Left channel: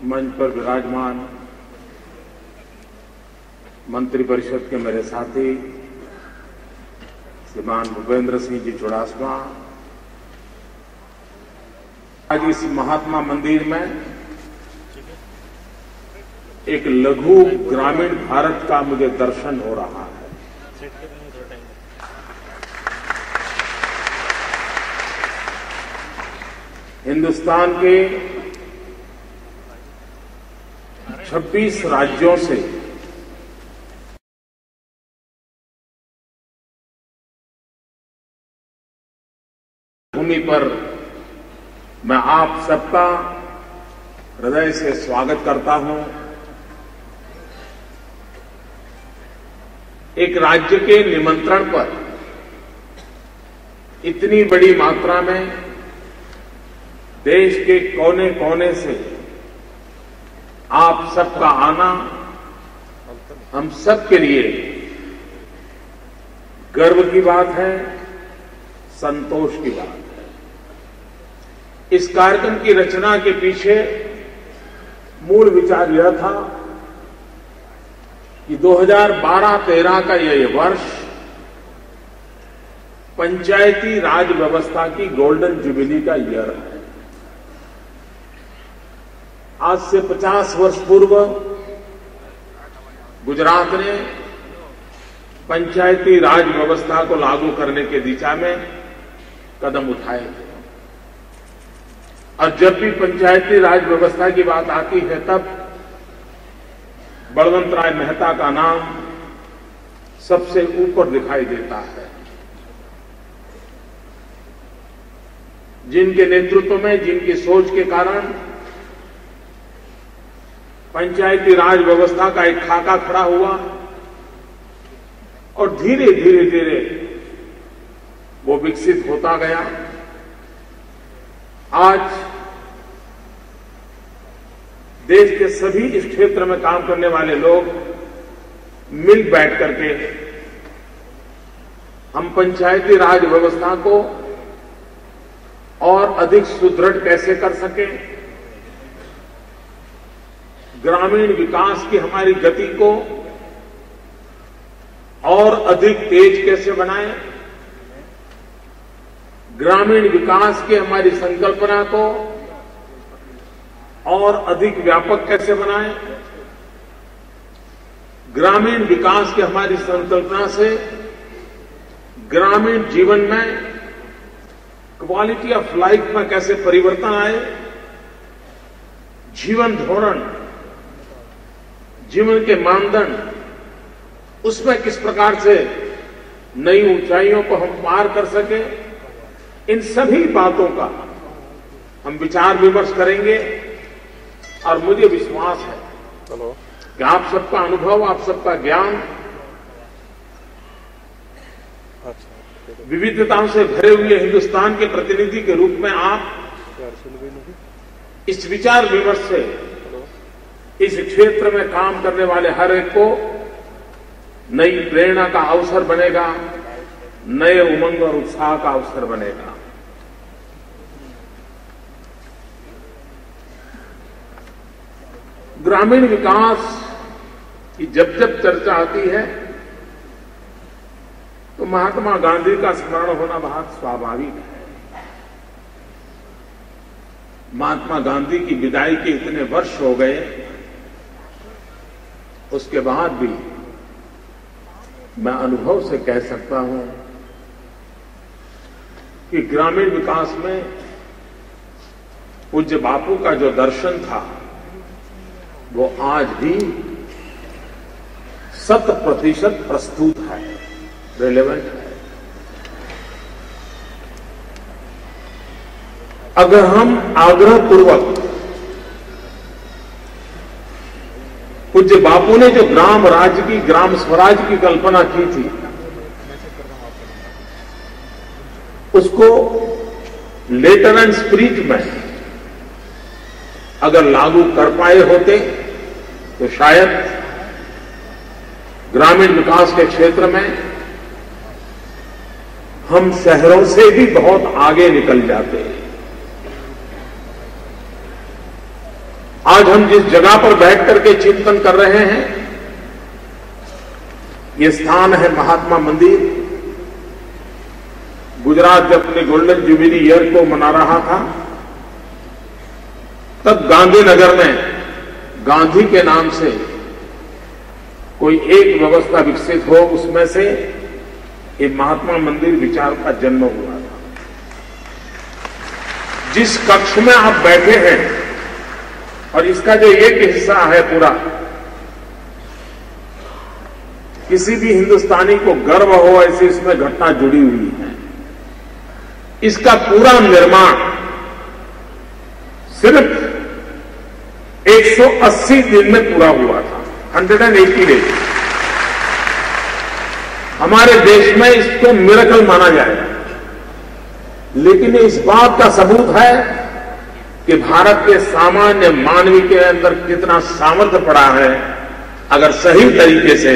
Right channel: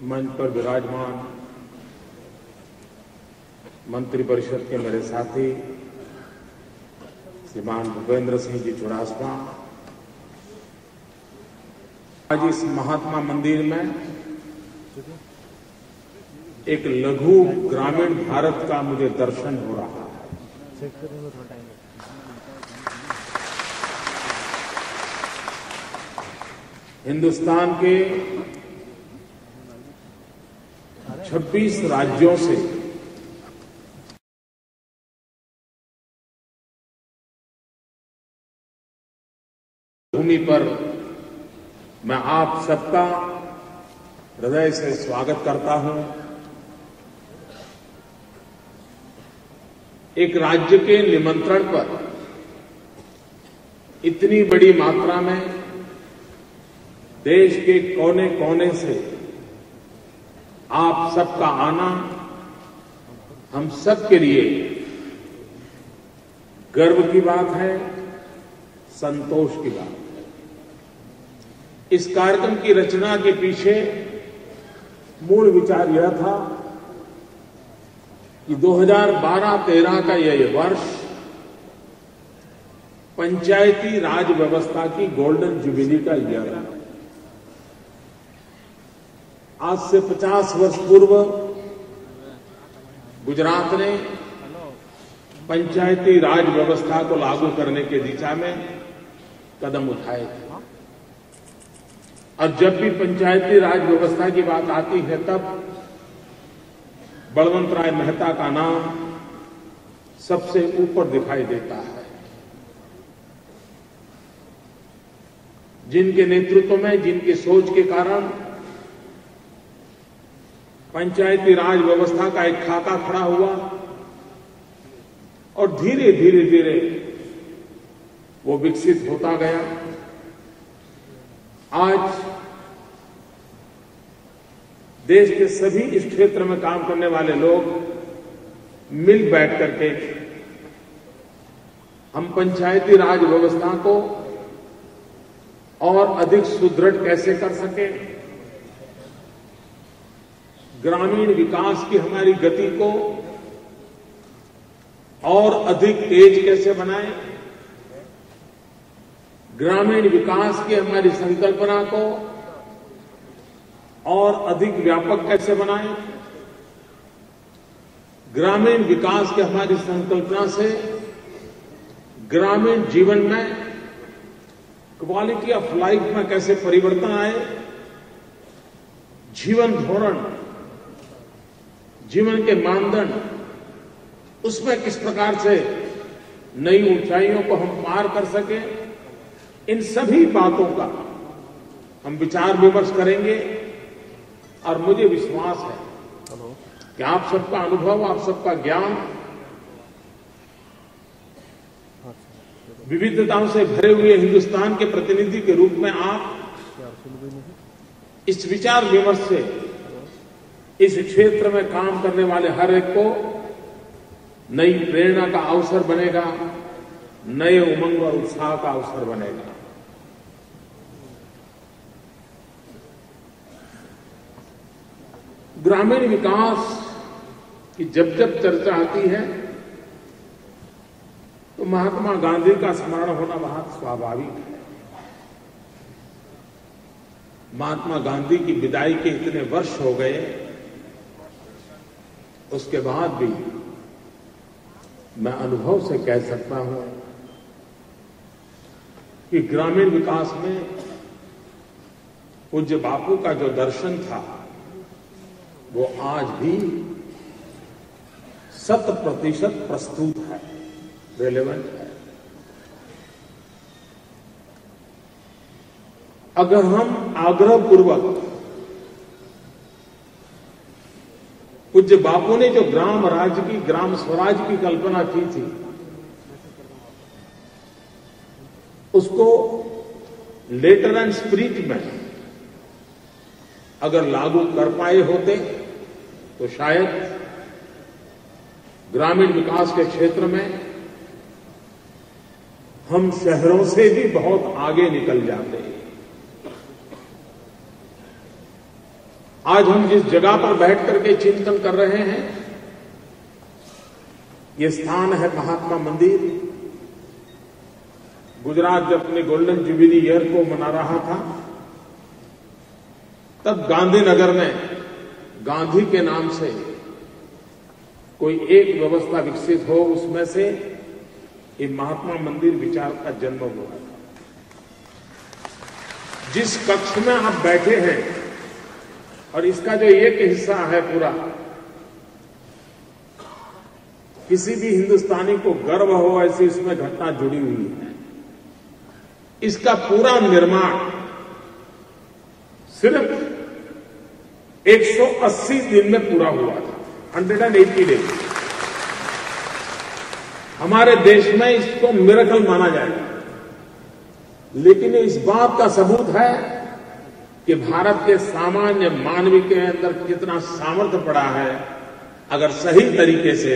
मंच पर विराजमान मंत्रिपरिषद के मेरे साथी श्रीमान भूपेंद्र सिंह जी चुड़ासमा, आज इस महात्मा मंदिर में एक लघु ग्रामीण भारत का मुझे दर्शन हो रहा है। हिंदुस्तान के 26 राज्यों से भूमि पर मैं आप सबका हृदय से स्वागत करता हूं। एक राज्य के निमंत्रण पर इतनी बड़ी मात्रा में देश के कोने कोने से आप सबका आना हम सब के लिए गर्व की बात है, संतोष की बात है। इस कार्यक्रम की रचना के पीछे मूल विचार यह था कि 2012-13 का यह वर्ष पंचायती राज व्यवस्था की गोल्डन जुबिली का ईयर है। आज से 50 वर्ष पूर्व गुजरात ने पंचायती राज व्यवस्था को लागू करने की दिशा में कदम उठाए थे। और जब भी पंचायती राज व्यवस्था की बात आती है तब बलवंत राय मेहता का नाम सबसे ऊपर दिखाई देता है, जिनके नेतृत्व में, जिनकी सोच के कारण पंचायती राज व्यवस्था का एक खाका खड़ा हुआ और धीरे धीरे वो विकसित होता गया। आज देश के सभी इस क्षेत्र में काम करने वाले लोग मिल बैठ करके हम पंचायती राज व्यवस्था को और अधिक सुदृढ़ कैसे कर सकें, ग्रामीण विकास की हमारी गति को और अधिक तेज कैसे बनाएं, ग्रामीण विकास की हमारी संकल्पना को और अधिक व्यापक कैसे बनाएं, ग्रामीण विकास की हमारी संकल्पना से ग्रामीण जीवन में क्वालिटी ऑफ लाइफ में कैसे परिवर्तन आए, जीवन धोरण, जीवन के मानदंड, उसमें किस प्रकार से नई ऊंचाइयों को हम पार कर सके, इन सभी बातों का हम विचार विमर्श करेंगे। और मुझे विश्वास है कि आप सबका अनुभव, आप सबका ज्ञान विविधताओं से भरे हुए हिंदुस्तान के प्रतिनिधि के रूप में आप इस विचार विमर्श से इस क्षेत्र में काम करने वाले हर एक को नई प्रेरणा का अवसर बनेगा, नए उमंग और उत्साह का अवसर बनेगा। ग्रामीण विकास की जब जब चर्चा आती है तो महात्मा गांधी का स्मरण होना बहुत स्वाभाविक है। महात्मा गांधी की विदाई के इतने वर्ष हो गए, उसके बाद भी मैं अनुभव से कह सकता हूं कि ग्रामीण विकास में पूज्य बापू का जो दर्शन था वो आज भी 100% प्रस्तुत है, रेलेवेंट है। अगर हम आग्रहपूर्वक पूज्य बापू ने जो ग्राम राज्य की, ग्राम स्वराज की कल्पना की थी, उसको लेटर एंड स्पिरिट में अगर लागू कर पाए होते तो शायद ग्रामीण विकास के क्षेत्र में हम शहरों से भी बहुत आगे निकल जाते हैं। आज हम जिस जगह पर बैठ करके चिंतन कर रहे हैं, ये स्थान है महात्मा मंदिर। गुजरात जब अपने गोल्डन जुबिली ईयर को मना रहा था, तब गांधीनगर में गांधी के नाम से कोई एक व्यवस्था विकसित हो, उसमें से ये महात्मा मंदिर विचार का जन्म हुआ था। जिस कक्ष में आप बैठे हैं और इसका जो एक हिस्सा है पूरा, किसी भी हिंदुस्तानी को गर्व हो ऐसी इसमें घटना जुड़ी हुई है। इसका पूरा निर्माण सिर्फ 180 दिन में पूरा हुआ था, 180 डेज। हमारे देश में इसको मिरेकल माना जाएगा, लेकिन इस बात का सबूत है कि भारत के सामान्य मानवी के अंदर कितना सामर्थ्य पड़ा है। अगर सही तरीके से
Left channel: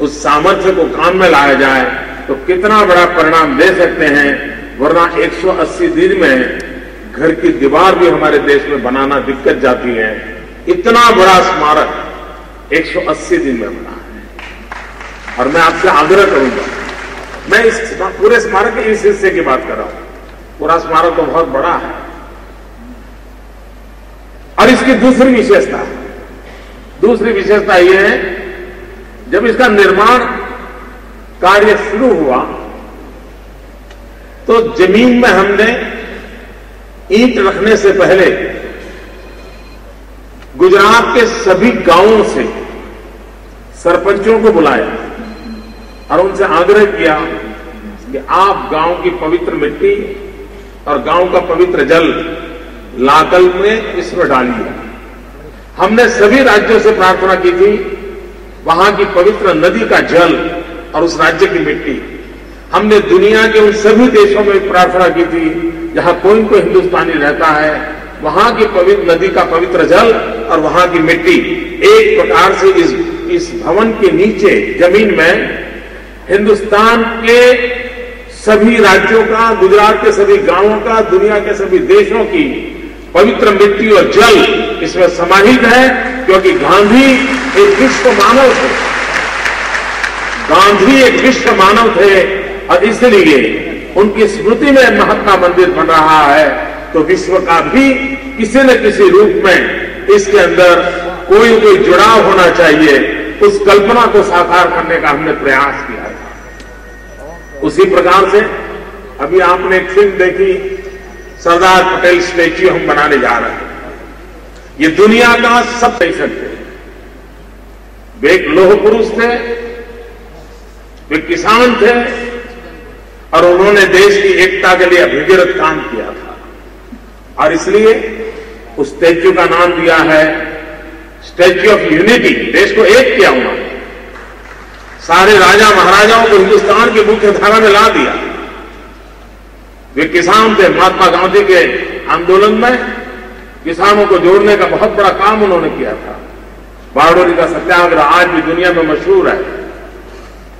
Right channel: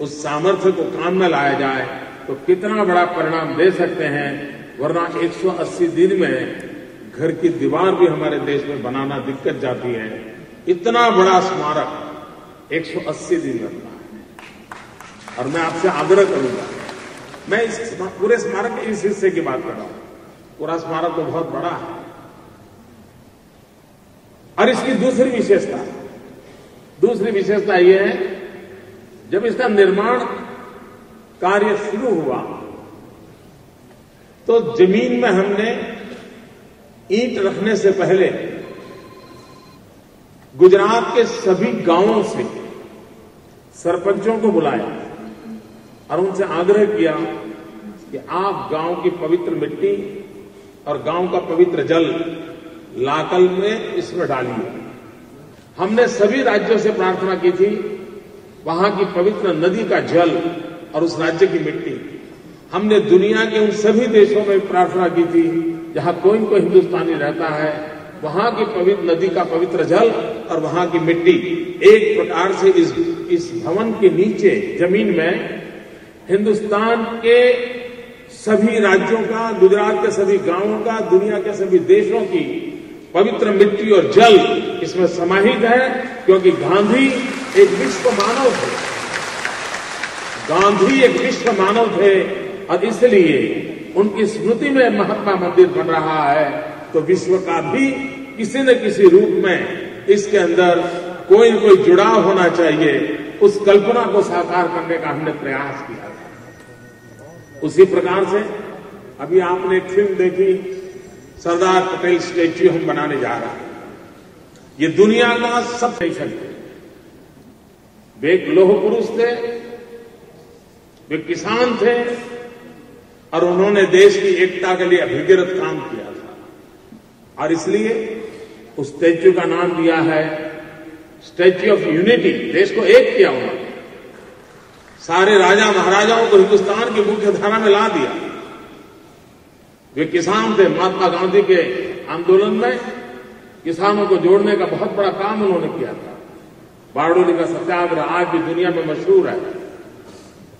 उस सामर्थ्य को काम में लाया जाए तो कितना बड़ा परिणाम दे सकते हैं। वरना 180 दिन में घर की दीवार भी हमारे देश में बनाना दिक्कत जाती है। इतना बड़ा स्मारक 180 दिन में बना है। और मैं आपसे आग्रह करूंगा, मैं इस पूरे स्मारक के इस हिस्से की बात कर रहा हूं, पूरा स्मारक तो बहुत बड़ा है। और इसकी दूसरी विशेषता यह है, जब इसका निर्माण कार्य शुरू हुआ तो जमीन में हमने ईंट रखने से पहले गुजरात के सभी गांवों से सरपंचों को बुलाया और उनसे आग्रह किया कि आप गांव की पवित्र मिट्टी और गांव का पवित्र जल लाकल में इसमें डालिए। हमने सभी राज्यों से प्रार्थना की थी, वहां की पवित्र नदी का जल और उस राज्य की मिट्टी। हमने दुनिया के उन सभी देशों में प्रार्थना की थी जहां कोई कोई हिंदुस्तानी रहता है, वहां की पवित्र नदी का पवित्र जल और वहां की मिट्टी एक प्रकार से इस भवन के नीचे जमीन में हिंदुस्तान के सभी राज्यों का, गुजरात के सभी गांवों का, दुनिया के सभी देशों की पवित्र मिट्टी और जल इसमें समाहित है। क्योंकि गांधी एक विश्व मानव थे, गांधी एक विश्व मानव थे और इसलिए उनकी स्मृति में महात्मा मंदिर बन रहा है। तो विश्व का भी किसी न किसी रूप में इसके अंदर कोई जुड़ाव होना चाहिए। उस कल्पना को साकार करने का हमने प्रयास किया था। उसी प्रकार से अभी आपने एक फिल्म देखी, सरदार पटेल स्टैच्यू हम बनाने जा रहे हैं। ये दुनिया का सब कह सकते हैं। वे एक लौह पुरुष थे, वे किसान थे और उन्होंने देश की एकता के लिए अभिगिरत काम किया था। और इसलिए उस स्टैच्यू का नाम दिया है स्टैच्यू ऑफ यूनिटी। देश को एक किया उन्होंने, सारे राजा महाराजाओं को हिंदुस्तान की मुख्य धारा में ला दिया। वे किसान थे। महात्मा गांधी के आंदोलन में किसानों को जोड़ने का बहुत बड़ा काम उन्होंने किया था। बारडोली का सत्याग्रह आज भी दुनिया में मशहूर है।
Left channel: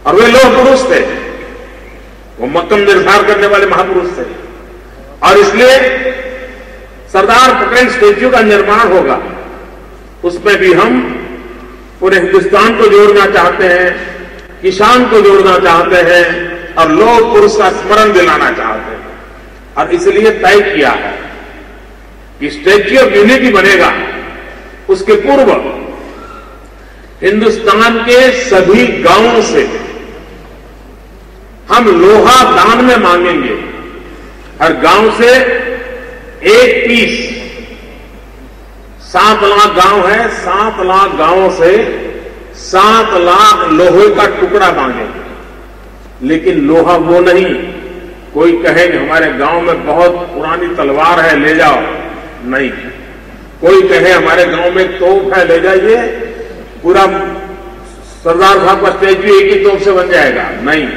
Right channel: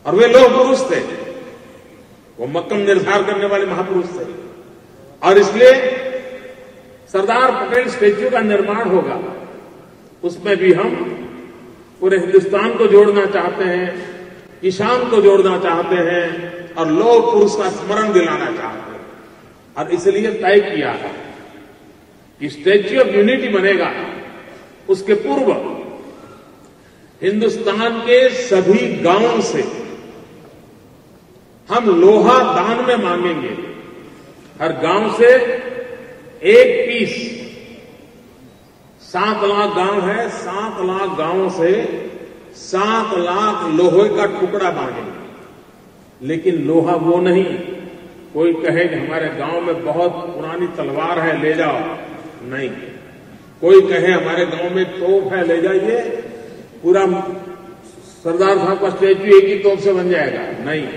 और वे लौह पुरुष थे, वो मक्कम निर्धार करने वाले महापुरुष थे। और इसलिए सरदार पटेल स्टैच्यू का निर्माण होगा, उसमें भी हम पूरे हिंदुस्तान को जोड़ना चाहते हैं, किसान को जोड़ना चाहते हैं और लौह पुरुष का स्मरण दिलाना चाहते हैं। और इसलिए तय किया है कि स्टैच्यू ऑफ यूनिटी बनेगा। उसके पूर्व हिंदुस्तान के सभी गांवों से हम लोहा दान में मांगेंगे। हर गांव से एक पीस, 7 लाख गांव है, 7 लाख गांवों से 7 लाख लोहे का टुकड़ा मांगेंगे। लेकिन लोहा वो नहीं, कोई कहे कि हमारे गांव में बहुत पुरानी तलवार है ले जाओ, नहीं। कोई कहे हमारे गांव में तोप है ले जाइए, पूरा सरदार साहब का स्टैच्यू एक ही तोप से बन जाएगा, नहीं।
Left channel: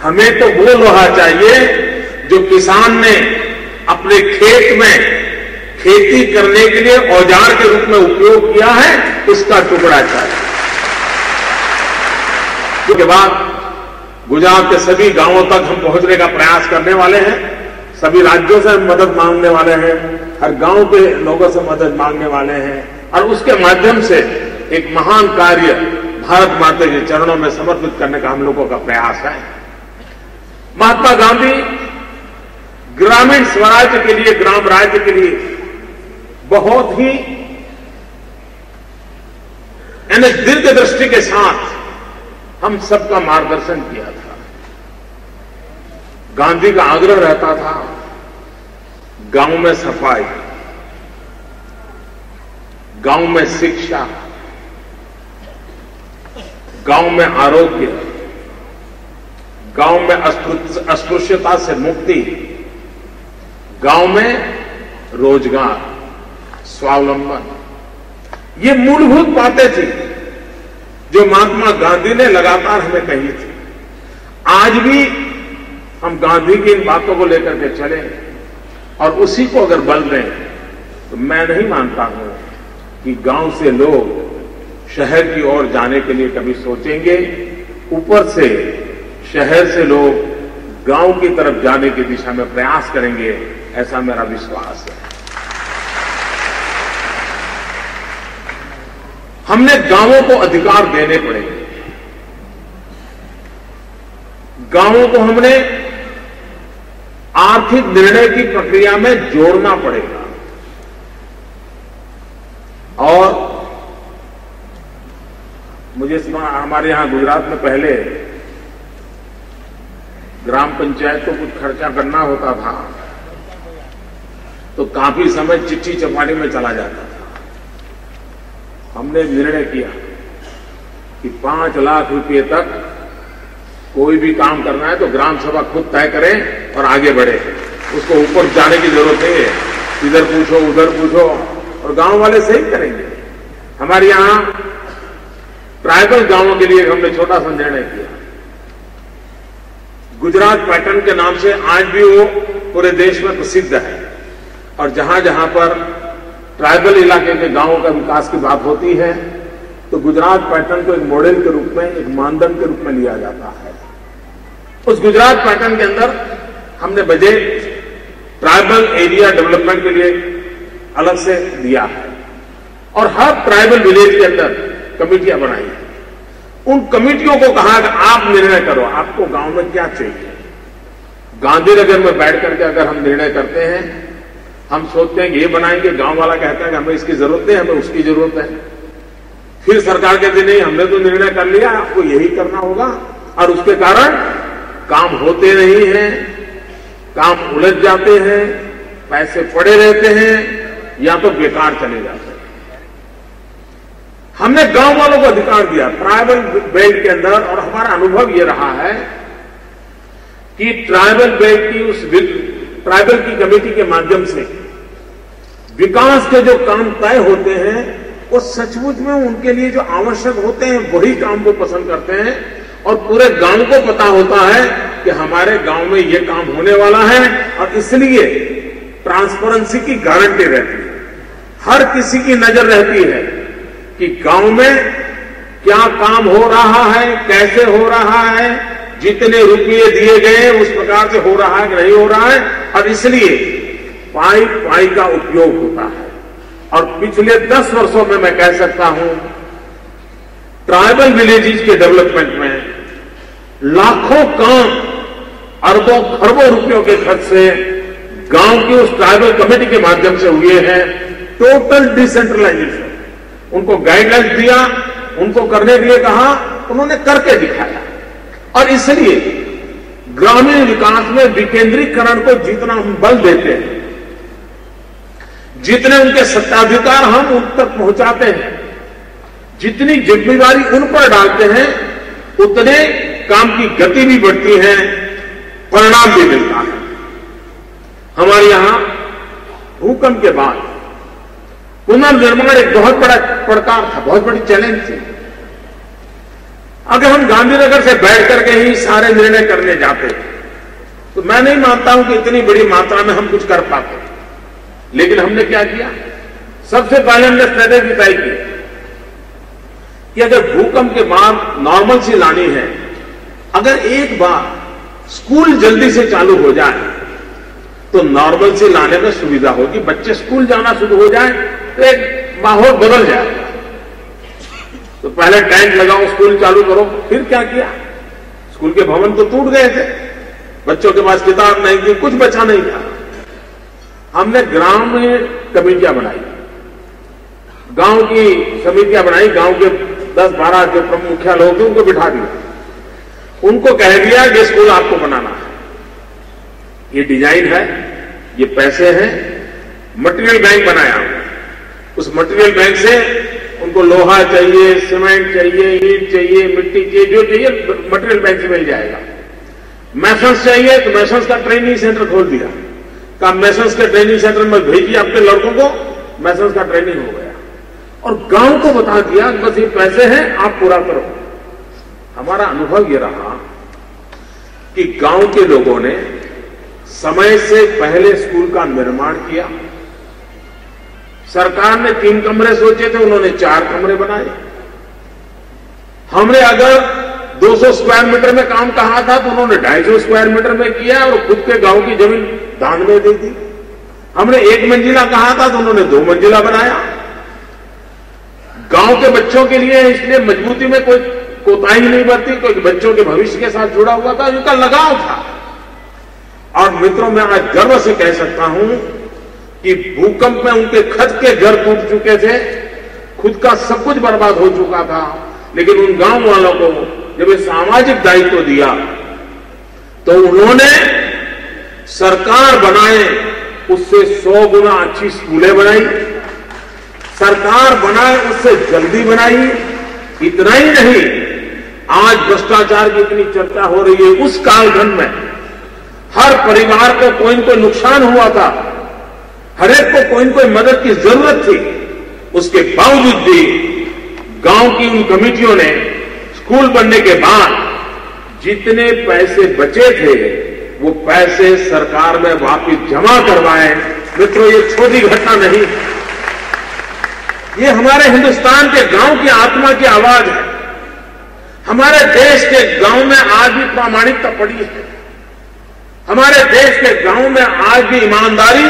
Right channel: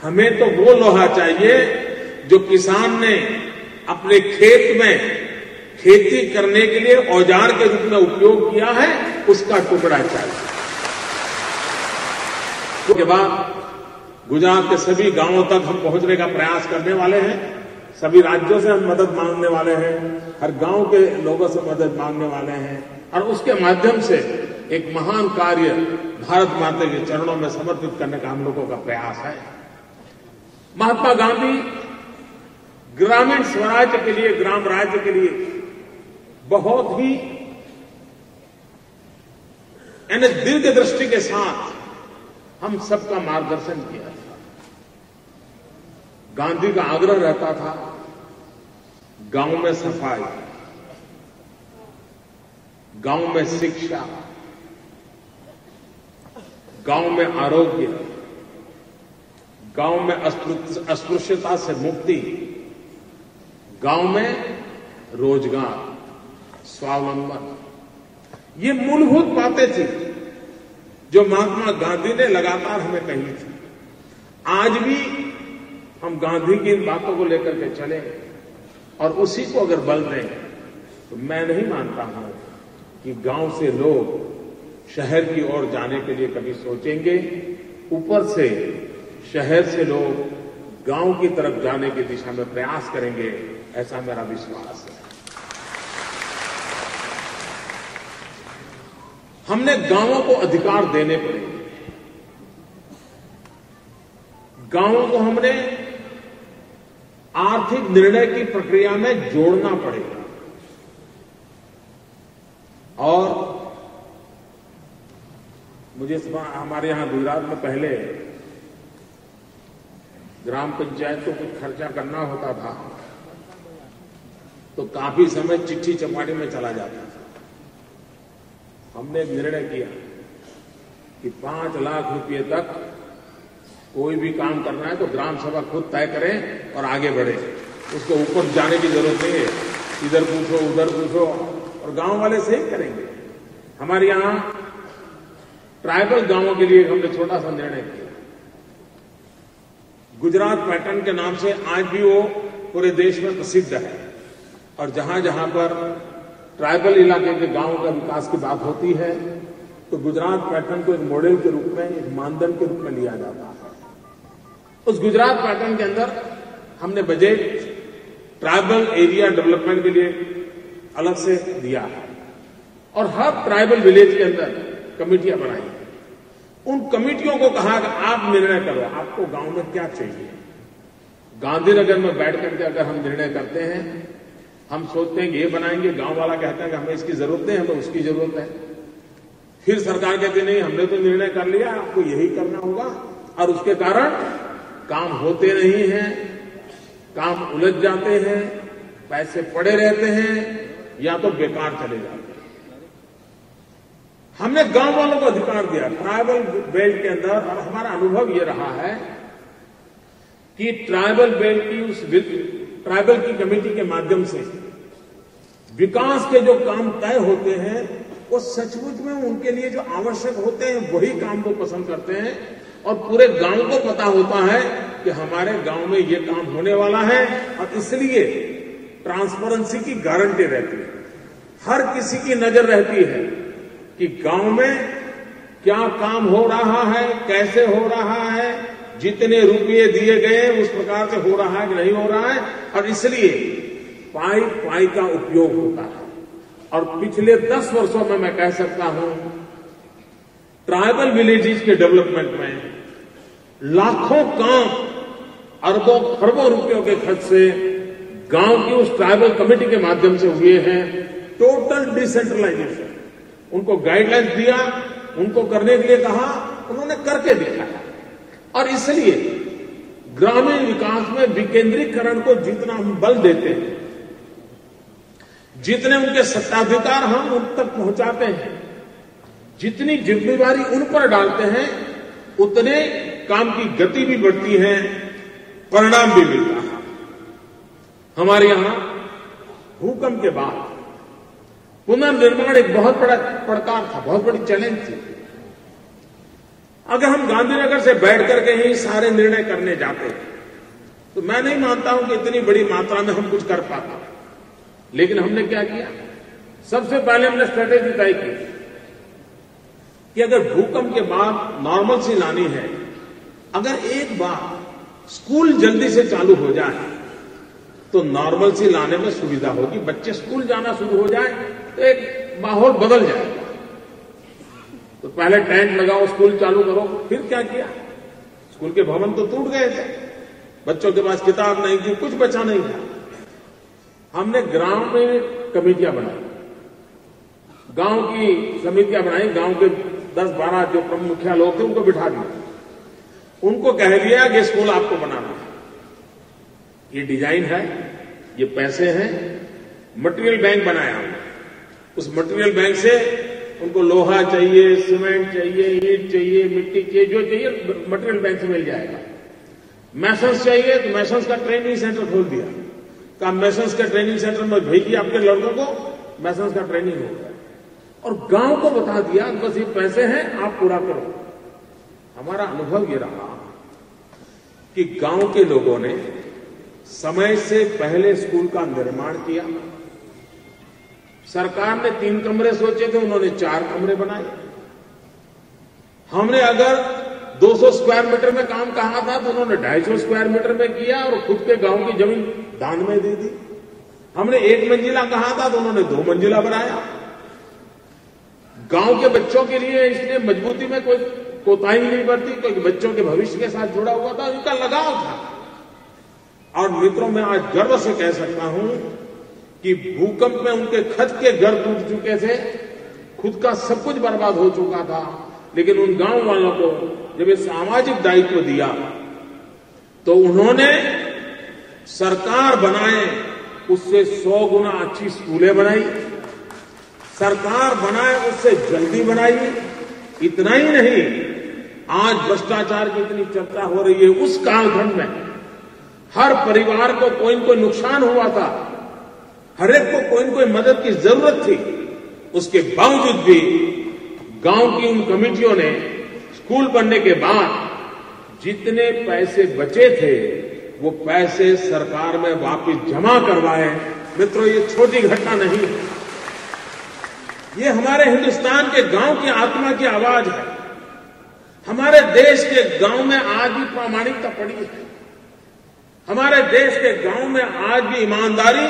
हमें तो वो लोहा चाहिए जो किसान ने अपने खेत में खेती करने के लिए औजार के रूप में उपयोग किया है, उसका टुकड़ा चाहिए। उसके बाद गुजरात के सभी गांवों तक हम पहुंचने का प्रयास करने वाले हैं। सभी राज्यों से हम मदद मांगने वाले हैं। हर गांव के लोगों से मदद मांगने वाले हैं और उसके माध्यम से एक महान कार्य भारत माता के चरणों में समर्पित करने का हम लोगों का प्रयास है। महात्मा गांधी ग्रामीण स्वराज्य के लिए, ग्राम राज्य के लिए बहुत ही दीर्घ दृष्टि के साथ हम सबका मार्गदर्शन किया था। गांधी का आग्रह रहता था गांव में सफाई, गांव में शिक्षा, गांव में आरोग्य, गांव में अस्पृश्यता से मुक्ति, गांव में रोजगार, स्वावलंबन। ये मूलभूत बातें थी जो महात्मा गांधी ने लगातार हमें कही थी। आज भी हम गांधी की इन बातों को लेकर के चले और उसी को अगर बल दें तो मैं नहीं मानता हूं कि गांव से लोग शहर की ओर जाने के लिए कभी सोचेंगे। ऊपर से शहर से लोग गांव की तरफ जाने की दिशा में प्रयास करेंगे, ऐसा मेरा विश्वास है। हमने गांवों को अधिकार देने पड़ेंगे। गांवों को हमने आर्थिक निर्णय की प्रक्रिया में जोड़ना पड़ेगा और मुझे हमारे यहां गुजरात में पहले ग्राम पंचायत को कुछ खर्चा करना होता था तो काफी समय चिट्ठी चपाने में चला जाता था। हमने निर्णय किया कि 5 लाख रुपए तक कोई भी काम करना है तो ग्राम सभा खुद तय करे और आगे बढ़े। उसको ऊपर जाने की जरूरत नहीं है, इधर पूछो उधर पूछो और गांव वाले सही करेंगे। हमारे यहां ट्राइबल गांवों के लिए हमने छोटा सा निर्णय किया। गुजरात पैटर्न के नाम से आज भी वो पूरे देश में प्रसिद्ध है और जहां जहां पर ट्राइबल इलाके के गांवों का विकास की बात होती है तो गुजरात पैटर्न को एक मॉडल के रूप में, एक मानदंड के रूप में लिया जाता है। उस गुजरात पैटर्न के अंदर हमने बजट ट्राइबल एरिया डेवलपमेंट के लिए अलग से दिया है और हर ट्राइबल विलेज के अंदर कमेटियां बनाई हैं। उन कमेटियों को कहा कि आप निर्णय करो, आपको गांव में क्या चाहिए। गांधीनगर में बैठ करके अगर हम निर्णय करते हैं, हम सोचते हैं कि ये बनाएंगे, गांव वाला कहता है कि हमें इसकी जरूरत है, हमें उसकी जरूरत है। फिर सरकार कहती नहीं, हमने तो निर्णय कर लिया, आपको यही करना होगा और उसके कारण काम होते नहीं हैं, काम उलझ जाते हैं, पैसे पड़े रहते हैं या तो बेकार चले जाते हैं। हमने गांव वालों को अधिकार दिया ट्राइबल बेल्ट के अंदर और हमारा अनुभव यह रहा है कि ट्राइबल बेल्ट की उस ट्राइबल की कमेटी के माध्यम से विकास के जो काम तय होते हैं वो सचमुच में उनके लिए जो आवश्यक होते हैं वही काम वो पसंद करते हैं और पूरे गांव को पता होता है कि हमारे गांव में ये काम होने वाला है और इसलिए ट्रांसपेरेंसी की गारंटी रहती है। हर किसी की नजर रहती है कि गांव में क्या काम हो रहा है, कैसे हो रहा है, जितने रुपये दिए गए उस प्रकार से हो रहा है कि नहीं हो रहा है और इसलिए पाई का उपयोग होता है। और पिछले 10 वर्षों में मैं कह सकता हूं ट्राइबल विलेजेस के डेवलपमेंट में लाखों काम अरबों खरबों रुपयों के खर्च से गांव की उस ट्राइबल कमेटी के माध्यम से हुए हैं। टोटल डिसेंट्रलाइजेशन, उनको गाइडलाइंस दिया, उनको करने के लिए कहा, उन्होंने करके दिखाया और इसलिए ग्रामीण विकास में विकेंद्रीकरण को जितना हम बल देते हैं, जितने उनके सत्ताधिकार हम उन तक पहुंचाते हैं, जितनी जिम्मेदारी उन पर डालते हैं, उतने काम की गति भी बढ़ती है, परिणाम भी मिलता है। हमारे यहां भूकंप के बाद पुनर्निर्माण एक बहुत बड़ा पड़कार था, बहुत बड़ी चैलेंज थी। अगर हम गांधीनगर से बैठ करके ही सारे निर्णय करने जाते तो मैं नहीं मानता हूं कि इतनी बड़ी मात्रा में हम कुछ कर पाते। लेकिन हमने क्या किया, सबसे पहले हमने स्ट्रेटेजी तय की कि अगर भूकंप के बाद नॉर्मल सी लानी है, अगर एक बार स्कूल जल्दी से चालू हो जाए तो नॉर्मल से लाने में सुविधा होगी, बच्चे स्कूल जाना शुरू हो जाए तो एक माहौल बदल जाएगा। तो पहले टैंक लगाओ, स्कूल चालू करो, फिर क्या किया? स्कूल के भवन तो टूट गए थे, बच्चों के पास किताब नहीं थी, कुछ बचा नहीं था। हमने ग्राम में कमेटियां बनाई, गांव की समितियां बनाई, गांव के 10-12 जो प्रमुख मुखिया लोग थे उनको बिठा दिया, उनको कह दिया कि स्कूल आपको बनाना है, ये डिजाइन है, ये पैसे हैं, मटेरियल बैंक बनाया हमने। उस मटेरियल बैंक से उनको लोहा चाहिए, सीमेंट चाहिए, ईंट चाहिए, मिट्टी चाहिए, जो चाहिए मटेरियल बैंक से मिल जाएगा। मैसन्स चाहिए तो मैसन्स का ट्रेनिंग सेंटर खोल दिया, कहा मैसन्स के ट्रेनिंग सेंटर में भेजिए अपने लड़कों को, मैसन्स का ट्रेनिंग हो गया। और गांव को बता दिया बस ये पैसे हैं, आप पूरा करो। हमारा अनुभव ये रहा कि गांव के लोगों ने समय से पहले स्कूल का निर्माण किया। सरकार ने 3 कमरे सोचे थे, उन्होंने 4 कमरे बनाए। हमने अगर 200 स्क्वायर मीटर में काम कहा था तो उन्होंने 250 स्क्वायर मीटर में किया और खुद के गांव की जमीन दान में दे दी। हमने 1 मंजिला कहा था तो उन्होंने 2 मंजिला बनाया। गांव के बच्चों के लिए इसलिए मजबूती में कोई कोताही नहीं बरती, कोई बच्चों के भविष्य के साथ जुड़ा हुआ था, उनका लगाव था। और मित्रों, मैं आज गर्व से कह सकता हूं कि भूकंप में उनके खद के घर टूट चुके थे, खुद का सब कुछ बर्बाद हो चुका था, लेकिन उन गांव वालों को जब ये सामाजिक दायित्व दिया तो उन्होंने सरकार बनाए उससे 100 गुना अच्छी स्कूलें बनाई, सरकार बनाए उससे जल्दी बनाई। इतना ही नहीं, आज भ्रष्टाचार की इतनी चर्चा हो रही है, उस कालखंड में हर परिवार को कोई न कोई नुकसान हुआ था, हर एक को कोई न कोई मदद की जरूरत थी, उसके बावजूद भी गांव की उन कमेटियों ने स्कूल बनने के बाद जितने पैसे बचे थे वो पैसे सरकार में वापस जमा करवाए। मित्रों, ये छोटी घटना नहीं, ये हमारे हिंदुस्तान के गांव की आत्मा की आवाज है। हमारे देश के गांव में आज भी प्रामाणिकता पड़ी है, हमारे देश के गांव में आज भी ईमानदारी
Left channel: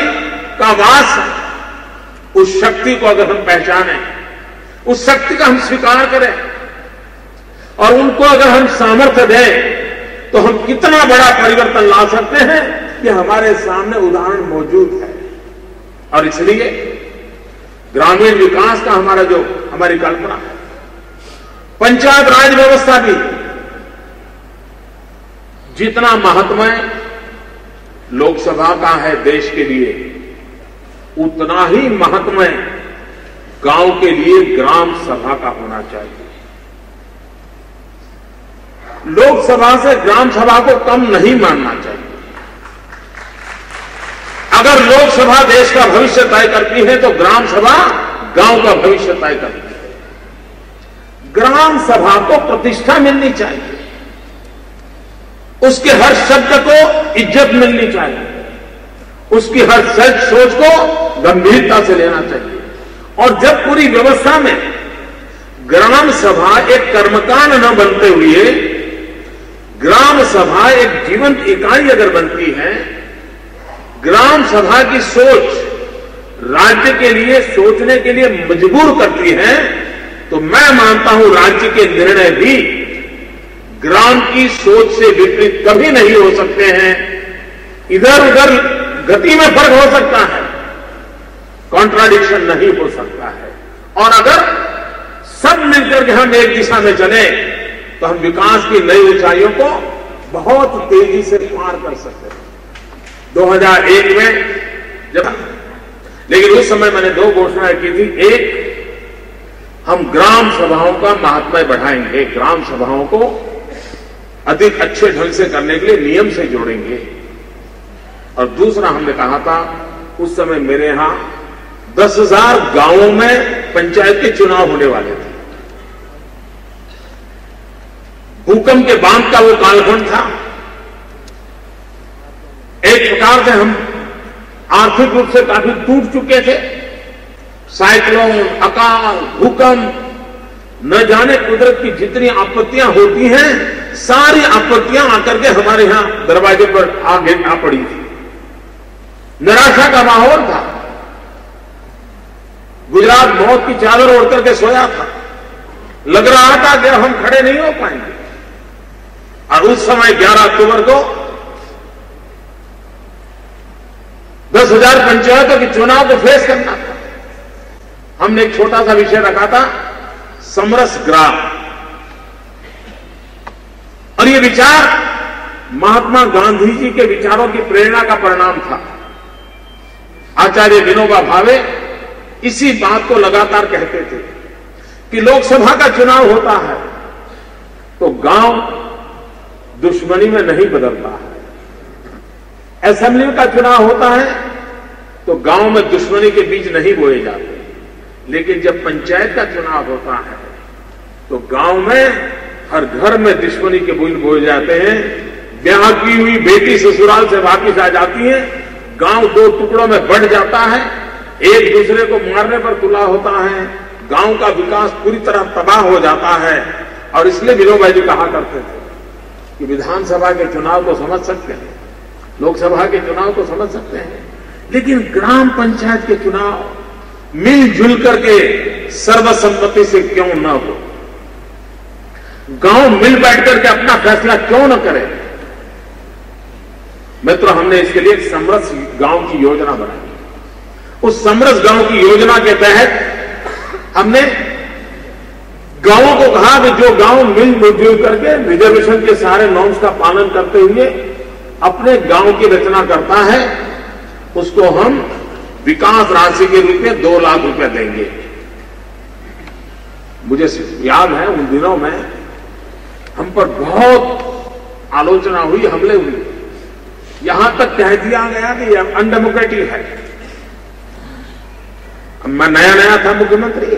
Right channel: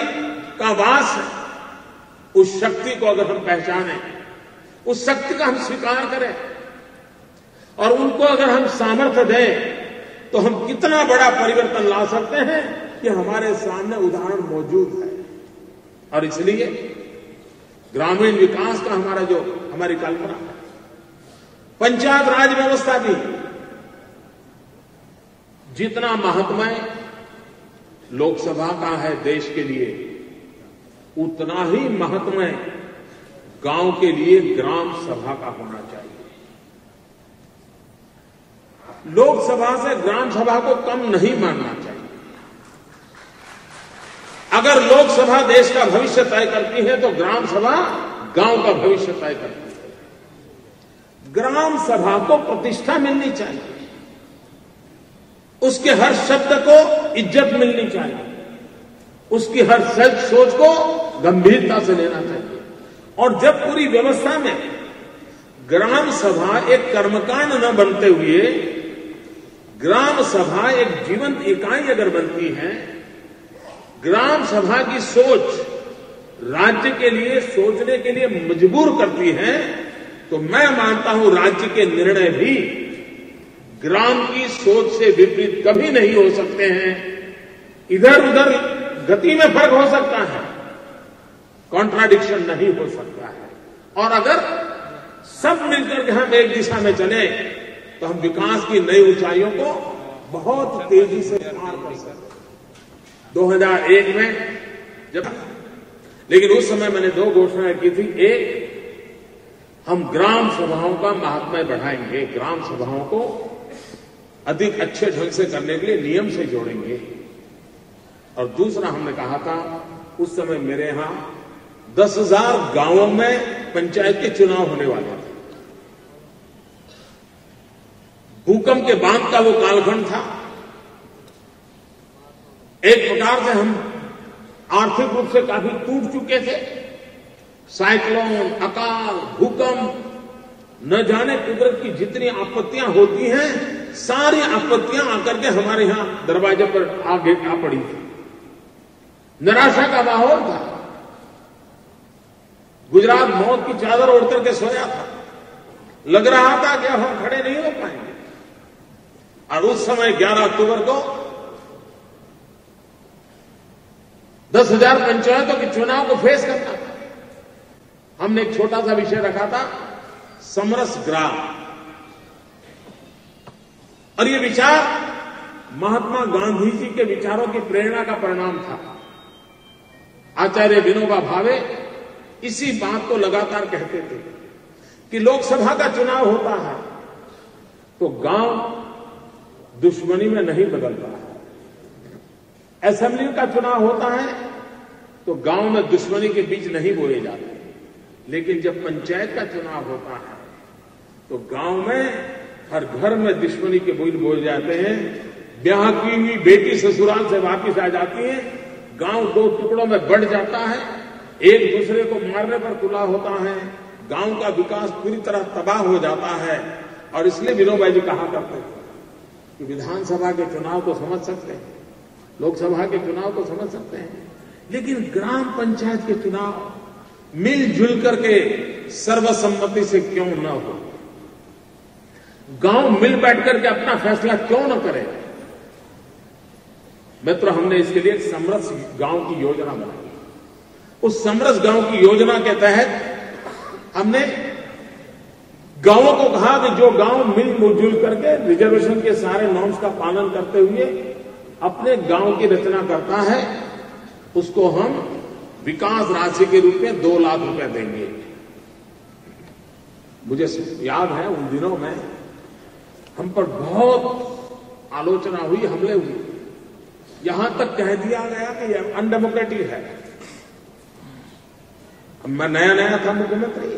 का वास है। उस शक्ति को अगर हम पहचानें, उस शक्ति का हम स्वीकार करें और उनको अगर हम सामर्थ्य दें तो हम कितना बड़ा परिवर्तन ला सकते हैं, ये हमारे सामने उदाहरण मौजूद है। और इसलिए ग्रामीण विकास का हमारी कल्पना है, पंचायत राज व्यवस्था भी जितना महत्व लोकसभा का है देश के लिए, उतना ही महत्व गांव के लिए ग्राम सभा का होना चाहिए। लोकसभा से ग्राम सभा को कम नहीं मानना चाहिए। अगर लोकसभा देश का भविष्य तय करती है तो ग्राम सभा गांव का भविष्य तय करती है। ग्राम सभा को प्रतिष्ठा मिलनी चाहिए, उसके हर शब्द को इज्जत मिलनी चाहिए, उसकी हर सच सोच को गंभीरता से लेना चाहिए। और जब पूरी व्यवस्था में ग्राम सभा एक कर्मकांड न बनते हुए ग्राम सभा एक जीवंत इकाई अगर बनती है, ग्राम सभा की सोच राज्य के लिए सोचने के लिए मजबूर करती है, तो मैं मानता हूं राज्य के निर्णय भी ग्राम की सोच से विपरीत कभी नहीं हो सकते हैं। इधर उधर गति में फर्क हो सकता है, कॉन्ट्राडिक्शन नहीं हो सकता है। और अगर सब मिलकर के हम एक दिशा में चले तो हम विकास की नई ऊंचाइयों को बहुत तेजी से पार कर सकते हैं। 2001 में लेकिन उस समय मैंने 2 घोषणाएं की थी। एक, हम ग्राम सभाओं का महात्म्य बढ़ाएंगे, ग्राम सभाओं को अधिक अच्छे ढंग से करने के लिए नियम से जोड़ेंगे। और दूसरा हमने कहा था, उस समय मेरे यहां 10,000 गांवों में पंचायत के चुनाव होने वाले थे। भूकंप के बाद का वो कालखंड था। एक प्रकार से हम आर्थिक रूप से काफी टूट चुके थे। साइक्लोन, अकाल, भूकंप, न जाने कुदरत की जितनी आपत्तियां होती हैं, सारी आपत्तियां आकर के हमारे यहां दरवाजे पर आ पड़ी थी। निराशा का माहौल था। गुजरात मौत की चादर ओढ़ करके सोया था। लग रहा था कि हम खड़े नहीं हो पाएंगे। और उस समय 11 अक्टूबर को 10,000 पंचायतों के चुनाव को फेस करना था। हमने एक छोटा सा विषय रखा था, समरस ग्राम। और ये विचार महात्मा गांधी जी के विचारों की प्रेरणा का परिणाम था। आचार्य विनोबा भावे इसी बात को लगातार कहते थे कि लोकसभा का चुनाव होता है तो गांव दुश्मनी में नहीं बदलता है। असेंबली का चुनाव होता है तो गांव में दुश्मनी के बीज नहीं बोए जाते। लेकिन जब पंचायत का चुनाव होता है तो गांव में हर घर में दुश्मनी के बीज बोए जाते हैं। ब्याह की हुई बेटी ससुराल से वापस आ जाती है। गांव 2 टुकड़ों में बढ़ जाता है। एक दूसरे को मारने पर तुला होता है। गांव का विकास पूरी तरह तबाह हो जाता है। और इसलिए विनोबा जी कहा करते थे कि विधानसभा के चुनाव को समझ सकते हैं, लोकसभा के चुनाव को समझ सकते हैं, लेकिन ग्राम पंचायत के चुनाव मिलजुल करके सर्वसम्मति से क्यों न हो? गांव मिल बैठ करके अपना फैसला क्यों न करे? मित्रों, हमने इसके लिए एक समरस गांव की योजना बनाई। उस समरस गांव की योजना के तहत हमने गांवों को कहा कि जो गांव मिलजुल करके रिजर्वेशन के सारे नॉर्म्स का पालन करते हुए अपने गांव की रचना करता है, उसको हम विकास राशि के रूप में 2 लाख रुपए देंगे। मुझे याद है उन दिनों में हम पर बहुत आलोचना हुई, हमले हुए। यहां तक कह दिया गया कि यह अनडेमोक्रेटिक है। मैं नया था मुख्यमंत्री,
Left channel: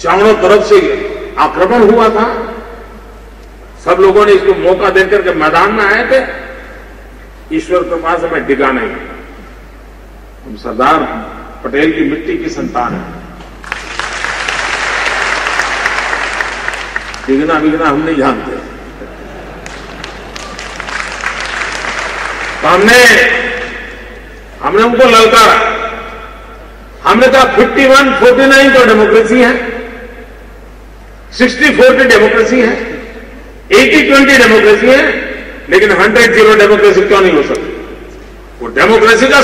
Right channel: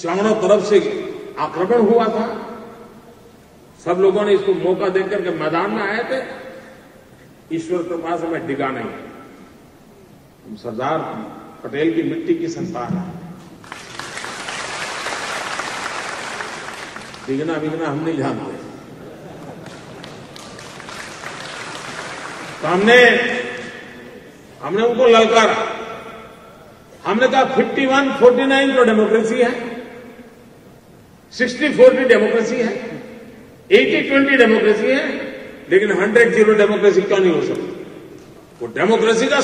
चारों तरफ से आक्रमण हुआ था। सब लोगों ने इसको मौका देकर के मैदान में आए थे। ईश्वर कृपा से मैं डिगा नहीं। हम सरदार पटेल की मिट्टी की संतान है। डिगना बिगना हम नहीं जानते। तो हमने उनको ललकारा। हमने कहा 51-49 तो डेमोक्रेसी है, 60-40 डेमोक्रेसी है, 80-20 डेमोक्रेसी है, लेकिन 100-0 डेमोक्रेसी क्यों नहीं हो सकती? वो डेमोक्रेसी का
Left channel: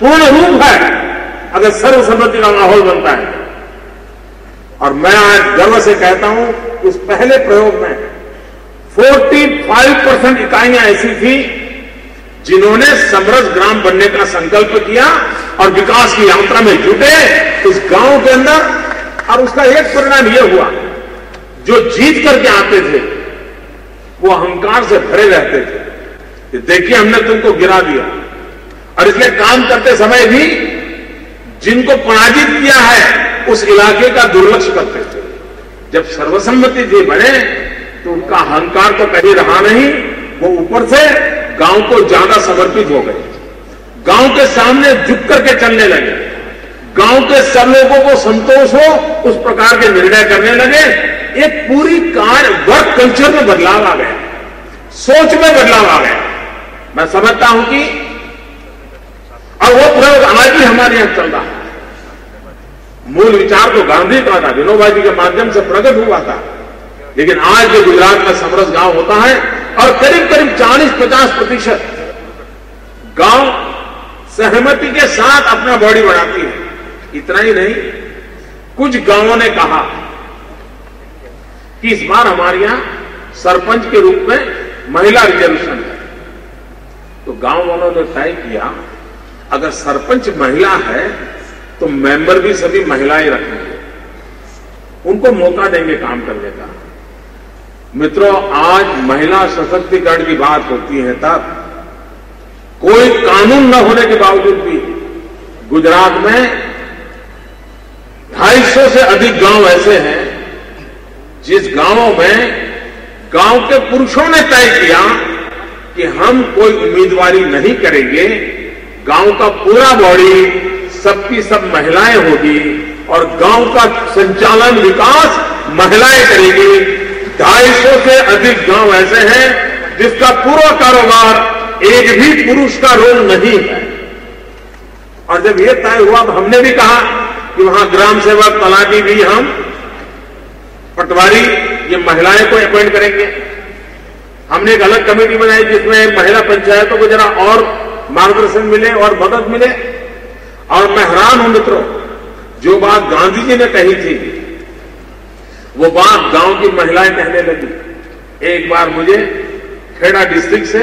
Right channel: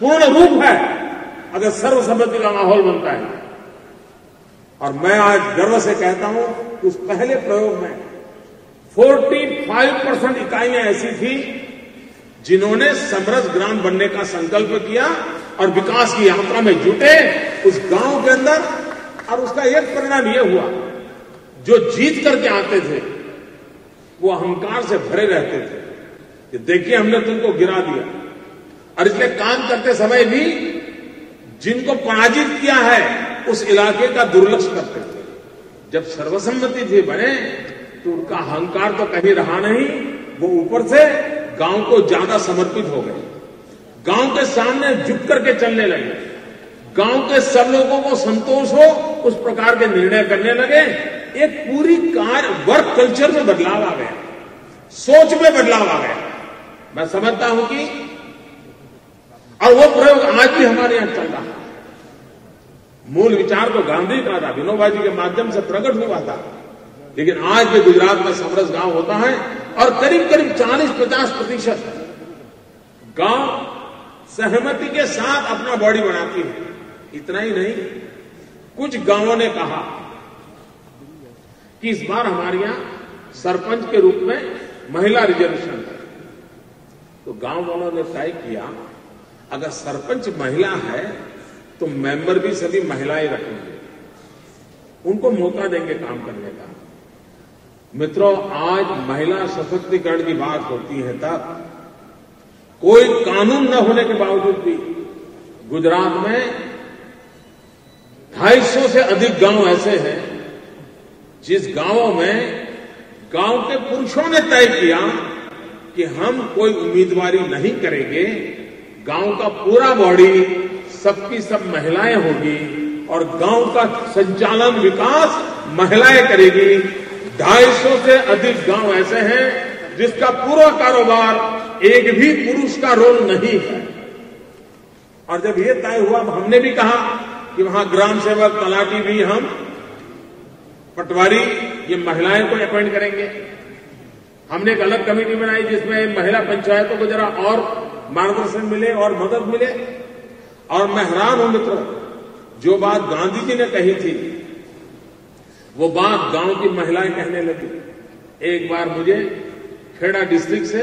पूर्ण रूप है अगर सर्वसम्मति का माहौल बनता है। और मैं आज गर्व से कहता हूं कि उस पहले प्रयोग में 45% इकाइयां ऐसी थी जिन्होंने समरस ग्राम बनने का संकल्प किया और विकास की यात्रा में जुटे उस गांव के अंदर। और उसका एक परिणाम यह हुआ, जो जीत करके आते थे वो अहंकार से भरे रहते थे कि देखिए हमने तुमको गिरा दिया। और इसलिए काम करते समय भी जिनको पराजित किया है उस इलाके का दुर्लक्ष्य करते थे। जब सर्वसम्मति थी बने तो उनका अहंकार तो कहीं रहा नहीं, वो ऊपर से गांव को ज्यादा समर्पित हो गए, गांव के सामने झुक करके चलने लगे, गांव के सब लोगों को संतोष हो उस प्रकार के निर्णय करने लगे। एक पूरी वर्क कल्चर में बदलाव आ गया, सोच में बदलाव आ गया। मैं समझता हूं कि और वो प्रयोग आज भी हमारे यहां चल रहा है। मूल विचार तो गांधी का था, विनोबा जी के माध्यम से प्रकट हुआ था, लेकिन आज के गुजरात में समरस गांव होता है और करीब करीब 40-50% गांव सहमति के साथ अपना बॉडी बढ़ाती है। इतना ही नहीं, कुछ गांवों ने कहा कि इस बार हमारे यहां सरपंच के रूप में महिला रिजर्वेशन है। तो गांव वालों ने तय किया अगर सरपंच महिला है तो मेंबर भी सभी महिलाएं रखेंगे, उनको मौका देंगे काम करने का। मित्रों, आज महिला सशक्तिकरण की बात होती है तब कोई कानून न होने के बावजूद भी गुजरात में 250 से अधिक गांव ऐसे हैं जिस गांवों में गांव के पुरुषों ने तय किया कि हम कोई उम्मीदवारी नहीं करेंगे, गांव का पूरा बॉडी सबकी सब महिलाएं होगी और गांव का संचालन विकास महिलाएं करेंगी। 250 से अधिक गांव ऐसे हैं जिसका पूरा कारोबार एक भी पुरुष का रोल नहीं है। और जब ये तय हुआ तो हमने भी कहा कि वहां ग्राम सेवक, तलाटी भी हम, पटवारी, ये महिलाएं को अपॉइंट करेंगे। हमने एक अलग कमेटी बनाई जिसमें महिला पंचायतों को जरा और मार्गदर्शन मिले और मदद मिले। और मैं हैरान हूं मित्रों, जो बात गांधी जी ने कही थी वो बात गांव की महिलाएं कहने लगी। एक बार मुझे खेड़ा डिस्ट्रिक्ट से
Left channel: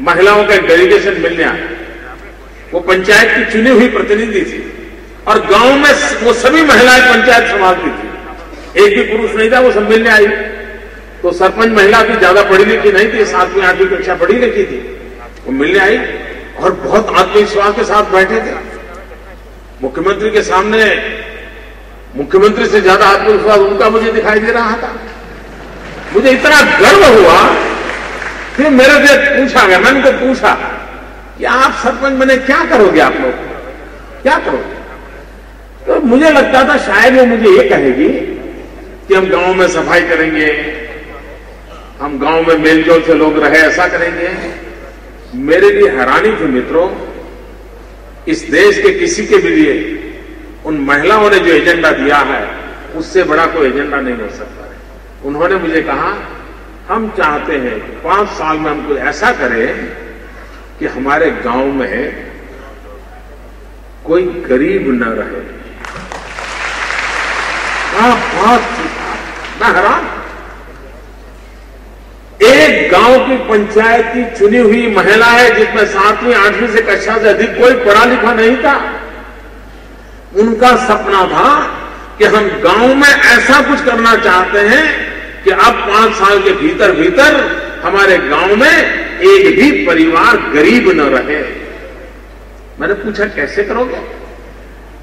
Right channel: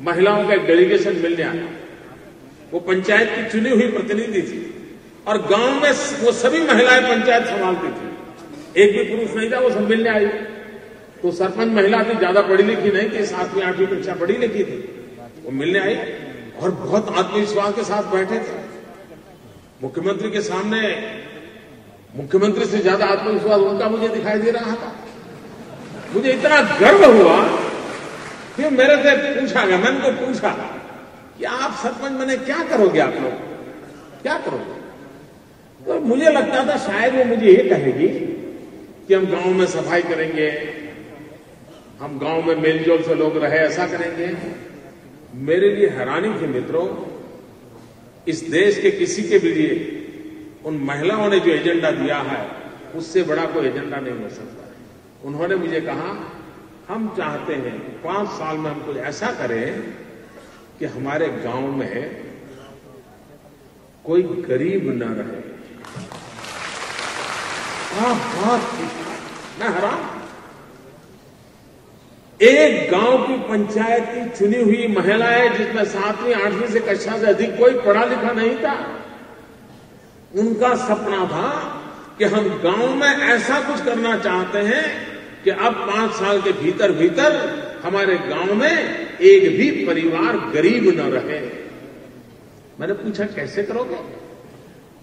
महिलाओं का एक डेलीगेशन मिलने आया। वो पंचायत की चुनी हुई प्रतिनिधि थी और गांव में वो सभी महिलाएं पंचायत संभालती थी, एक भी पुरुष नहीं था। वो सब मिलने आई तो सरपंच महिला भी ज्यादा पढ़ी लिखी नहीं थी, 7वीं 8वीं कक्षा पढ़ी लिखी थी। वो मिलने आई और बहुत आत्मविश्वास के साथ बैठे थे। मुख्यमंत्री के सामने मुख्यमंत्री से ज्यादा आत्मविश्वास उनका मुझे दिखाई दे रहा था। मुझे इतना गर्व हुआ कि मेरे से पूछा गया, मैंने उनको पूछा कि आप सरपंच बने क्या करोगे, आप लोग क्या करोगे? तो मुझे लगता था शायद वो मुझे ये कहेगी कि हम गांव में सफाई करेंगे, हम गांव में मेलजोल से लोग रहे, ऐसा करेंगे। मेरे लिए हैरानी थी मित्रों, इस देश के किसी के भी लिए उन महिलाओं ने जो एजेंडा दिया है उससे बड़ा कोई एजेंडा नहीं हो सकता है। उन्होंने मुझे कहा हम चाहते हैं 5 साल में हम कुछ ऐसा करें कि हमारे गांव में कोई गरीब न रहे। मैं हैरान, एक गांव की पंचायत की चुनी हुई महिला है जिसमें 7वीं 8वीं से कक्षा से अधिक कोई पढ़ा लिखा नहीं था। उनका सपना था कि हम गांव में ऐसा कुछ करना चाहते हैं कि अब 5 साल के भीतर भीतर हमारे गांव में एक भी परिवार गरीब न रहे। मैंने पूछा कैसे करोगे?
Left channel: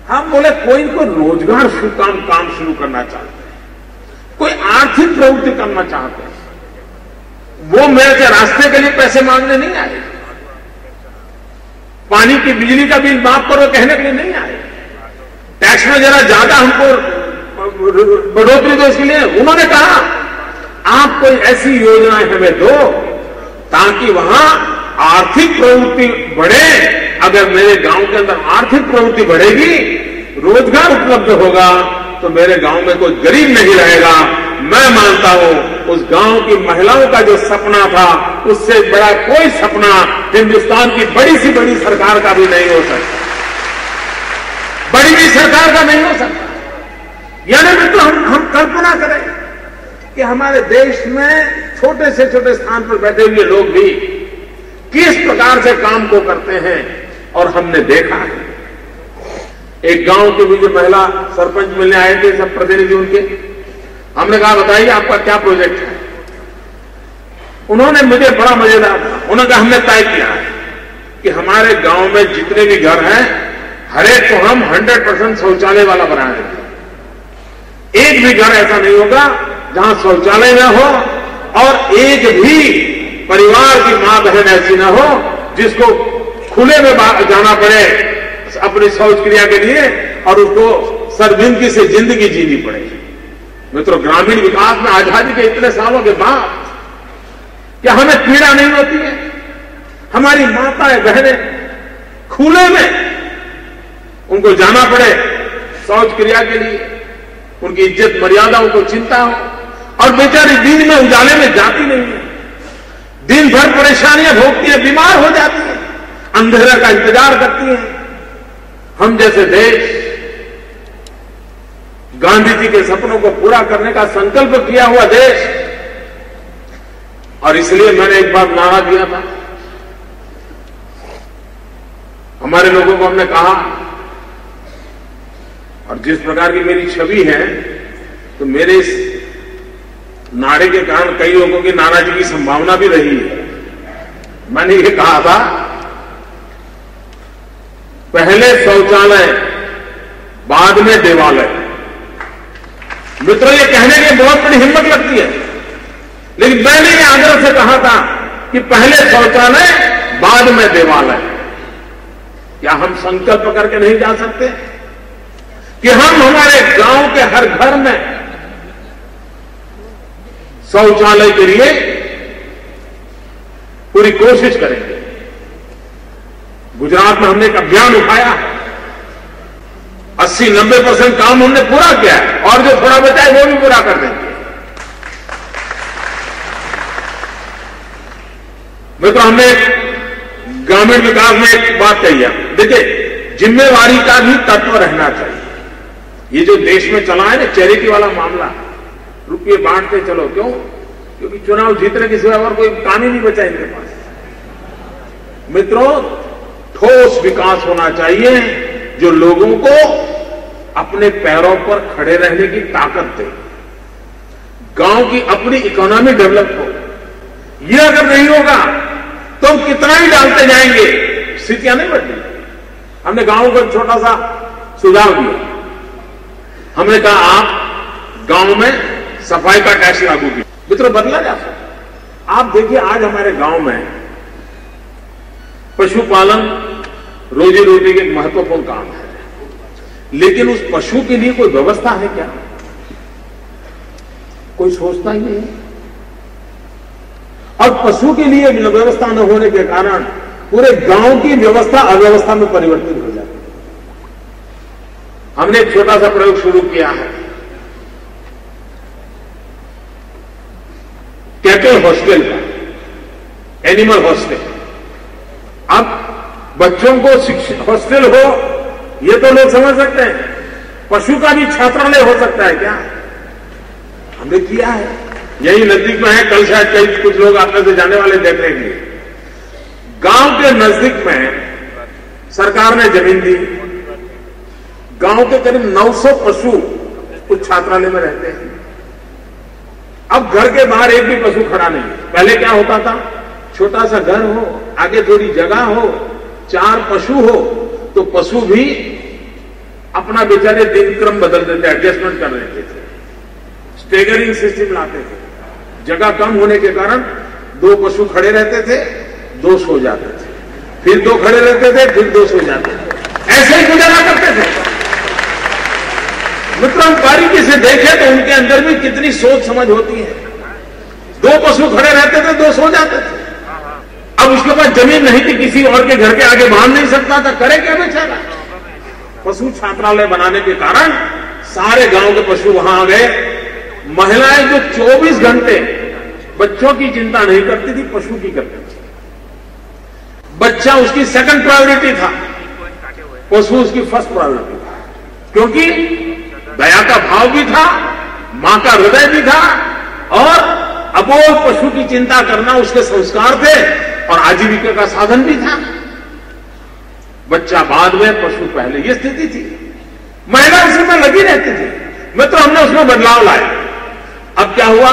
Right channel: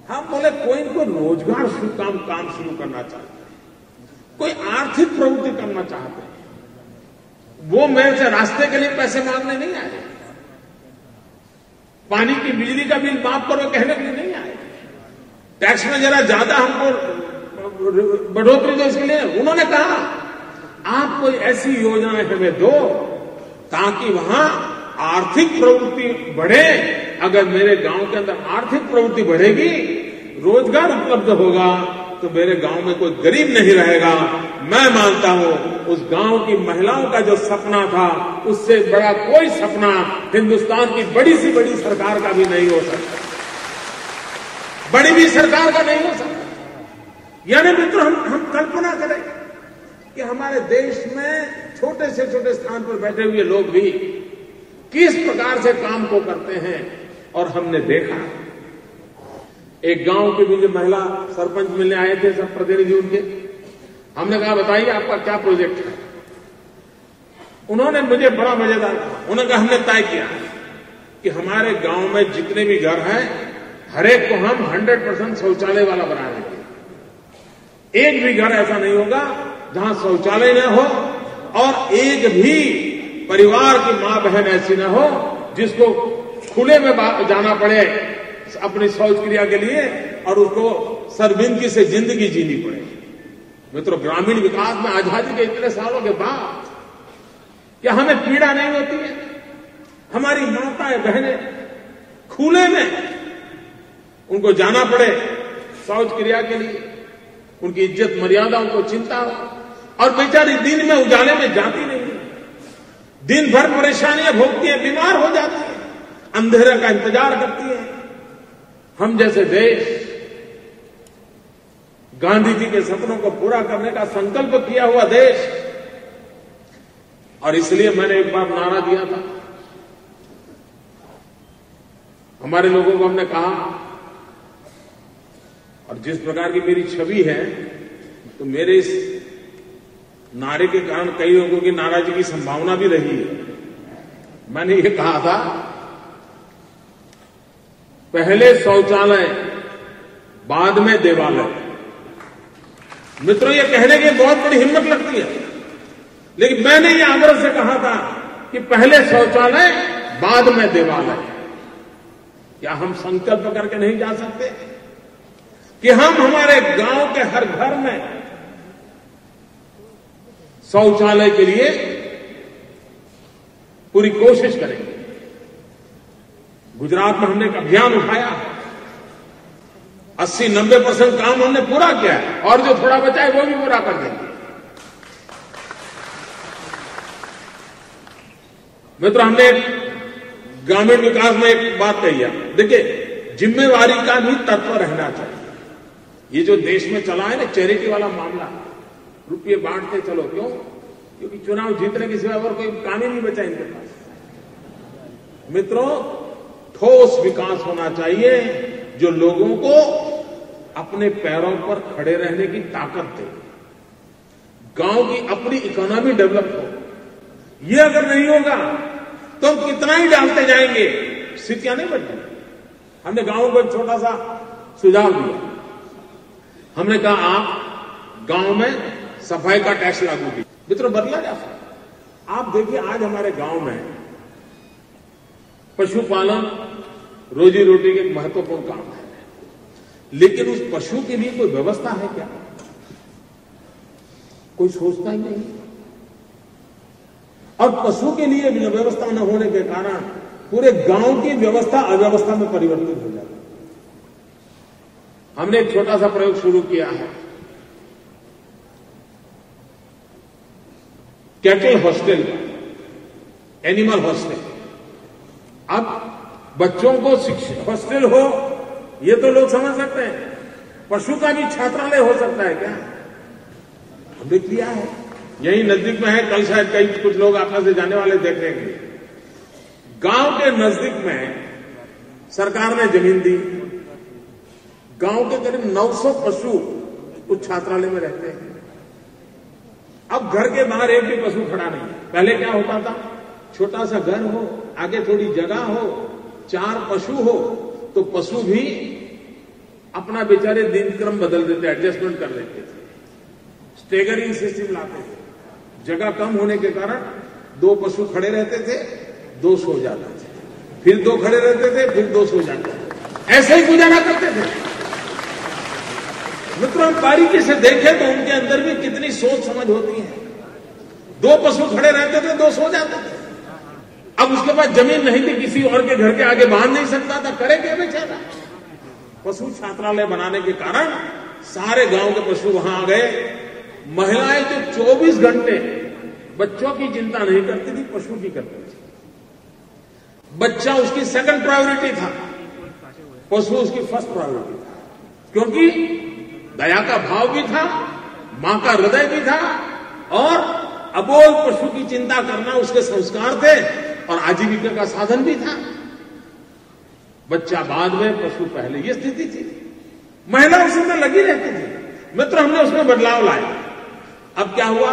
हम बोले कोई को रोजगार काम शुरू करना चाहते हैं, कोई आर्थिक प्रवृत्ति करना चाहते हैं। वो मेरे से रास्ते के लिए पैसे मांगने नहीं आए, पानी की बिजली का बिल माफ करो कहने के लिए नहीं आए, टैक्स में जरा ज्यादा हमको बढ़ोतरी दो इसके लिए। उन्होंने कहा आप कोई ऐसी योजनाएं हमें दो ताकि वहां आर्थिक प्रवृत्ति बढ़े। अगर मेरे गांव के अंदर आर्थिक प्रवृत्ति बढ़ेगी, रोजगार उपलब्ध होगा, तो मेरे गांव में कोई गरीब नहीं रहेगा। मैं मानता हूं उस गांव की महिलाओं का जो सपना था उससे बड़ा कोई सपना हिंदुस्तान की बड़ी सी बड़ी सरकार का भी नहीं हो सकता, बड़ी भी सरकार का नहीं हो सकता। यानी मित्रों हम कल्पना करें कि हमारे देश में छोटे से छोटे स्थान पर बैठे हुए लोग भी किस प्रकार से काम को करते हैं। और हमने देखा है, एक गांव के भी जो महिला सरपंच मिलने आए थे, सब प्रतिनिधि उनके, हमने कहा बताइए आपका क्या प्रोजेक्ट है। उन्होंने मुझे बड़ा मजेदार था, उन्होंने कहा हमने तय किया है कि हमारे गांव में जितने भी घर हैं हर एक को हम 100% शौचालय वाला बनाएंगे। एक भी घर ऐसा नहीं होगा जहां शौचालय न हो और एक भी परिवार की मां बहन ऐसी न हो जिसको खुले में जाना पड़े अपनी शौच क्रिया के लिए और उसको शर्मिंदगी से जिंदगी जीनी पड़े। मित्रों, ग्रामीण विकास में आजादी के इतने सालों के बाद क्या हमें पीड़ा नहीं होती है? हमारी माताएं बहनें खुले में उनको जाना पड़े शौच क्रिया के लिए, उनकी इज्जत मर्यादा उनको चिंता हो, और बेचारी दिन में उजाले में जाती नहीं है, दिन भर परेशानियां भोगती है, बीमार हो जाती है, अंधेरे का इंतजार करती है। हम जैसे देश गांधी जी के सपनों को पूरा करने का संकल्प किया हुआ देश, और इसलिए मैंने एक बार नारा दिया था, हमारे लोगों को हमने कहा, और जिस प्रकार की मेरी छवि है तो मेरे इस नारे के कारण कई लोगों की नाराजगी की संभावना भी रही है। मैंने ये कहा था पहले शौचालय बाद में देवालय। मित्रों, ये कहने की बहुत बड़ी हिम्मत लगती है, लेकिन मैंने ये आग्रह से कहा था कि पहले शौचालय बाद में देवालय। क्या हम संकल्प करके नहीं जा सकते कि हम हमारे गांव के हर घर में शौचालय के लिए पूरी कोशिश करेंगे? गुजरात में हमने एक अभियान उठाया है, 80-90% काम हमने पूरा किया है, और जो थोड़ा बचा है वो भी पूरा कर देंगे। मित्रों, हमने ग्रामीण विकास में एक बात कही है, देखिए जिम्मेवारी का भी तत्व रहना चाहिए। ये जो देश में चला है ना चैरिटी वाला मामला, रुपये बांटते चलो, क्यों? क्योंकि चुनाव जीतने के सिवा और कोई काम ही नहीं बचा इनके पास। मित्रों, ठोस विकास होना चाहिए जो लोगों को अपने पैरों पर खड़े रहने की ताकत दे, गांव की अपनी इकोनॉमी डेवलप हो। ये अगर नहीं होगा तो हम कितना ही डालते जाएंगे, स्थितियां नहीं बदलेंगी। हमने गांव को एक छोटा सा सुझाव दिया, हमने कहा आप गांव में सफाई का टैक्स लागू कीजिए। मित्रों, बदला जा सकता। आप देखिए आज हमारे गांव में पशुपालन रोजी रोटी का एक महत्वपूर्ण काम है, लेकिन उस पशु के लिए कोई व्यवस्था है क्या? कोई सोचता ही नहीं। और पशु के लिए व्यवस्था न होने के कारण पूरे गांव की व्यवस्था अव्यवस्था में परिवर्तित हो जाती है। हमने एक छोटा सा प्रयोग शुरू किया है, कैटल हॉस्टल का, एनिमल हॉस्टल। अब बच्चों को हॉस्टल हो ये तो लोग समझ सकते हैं, पशु का भी छात्रालय हो सकता है क्या? हमने किया है, यही नजदीक में है। कल शायद कई कुछ लोग आप में से जाने वाले देख रहे हैं। गांव के नजदीक में सरकार ने जमीन दी, गांव के करीब 900 पशु उस छात्रालय में रहते हैं। अब घर के बाहर एक भी पशु खड़ा नहीं। पहले क्या होता था, छोटा सा घर हो, आगे थोड़ी जगह हो, 4 पशु हो, तो पशु भी अपना बेचारे दिनक्रम बदल देते, एडजस्टमेंट कर देते थे, स्टेगरिंग सिस्टम लाते थे। जगह कम होने के कारण 2 पशु खड़े रहते थे, 2 सो जाते थे, फिर 2 खड़े रहते थे, फिर 2 सो जाते थे, ऐसे ही गुजारा करते थे। मित्रों, हम बारीकी से देखें तो उनके अंदर भी कितनी सोच समझ होती है। 2 पशु खड़े रहते थे, 2 सो जाते थे। अब उसके पास जमीन नहीं थी, किसी और के घर के आगे बांध नहीं सकता था, करे क्या बेचारा? पशु छात्रालय बनाने के कारण सारे गांव के पशु वहां आ गए। महिलाएं जो 24 घंटे बच्चों की चिंता नहीं करती थी, पशु की करती थी। बच्चा उसकी सेकंड प्रायोरिटी था, पशु उसकी फर्स्ट प्रायोरिटी था, क्योंकि दया का भाव भी था, मां का हृदय भी था, और अबोध पशु की चिंता करना उसके संस्कार थे और आजीविका का साधन भी था। बच्चा बाद में, पशु पहले, ये स्थिति थी। महिला उसमें लगी रहती थी। मित्र, हमने उसमें बदलाव लाया। अब क्या हुआ,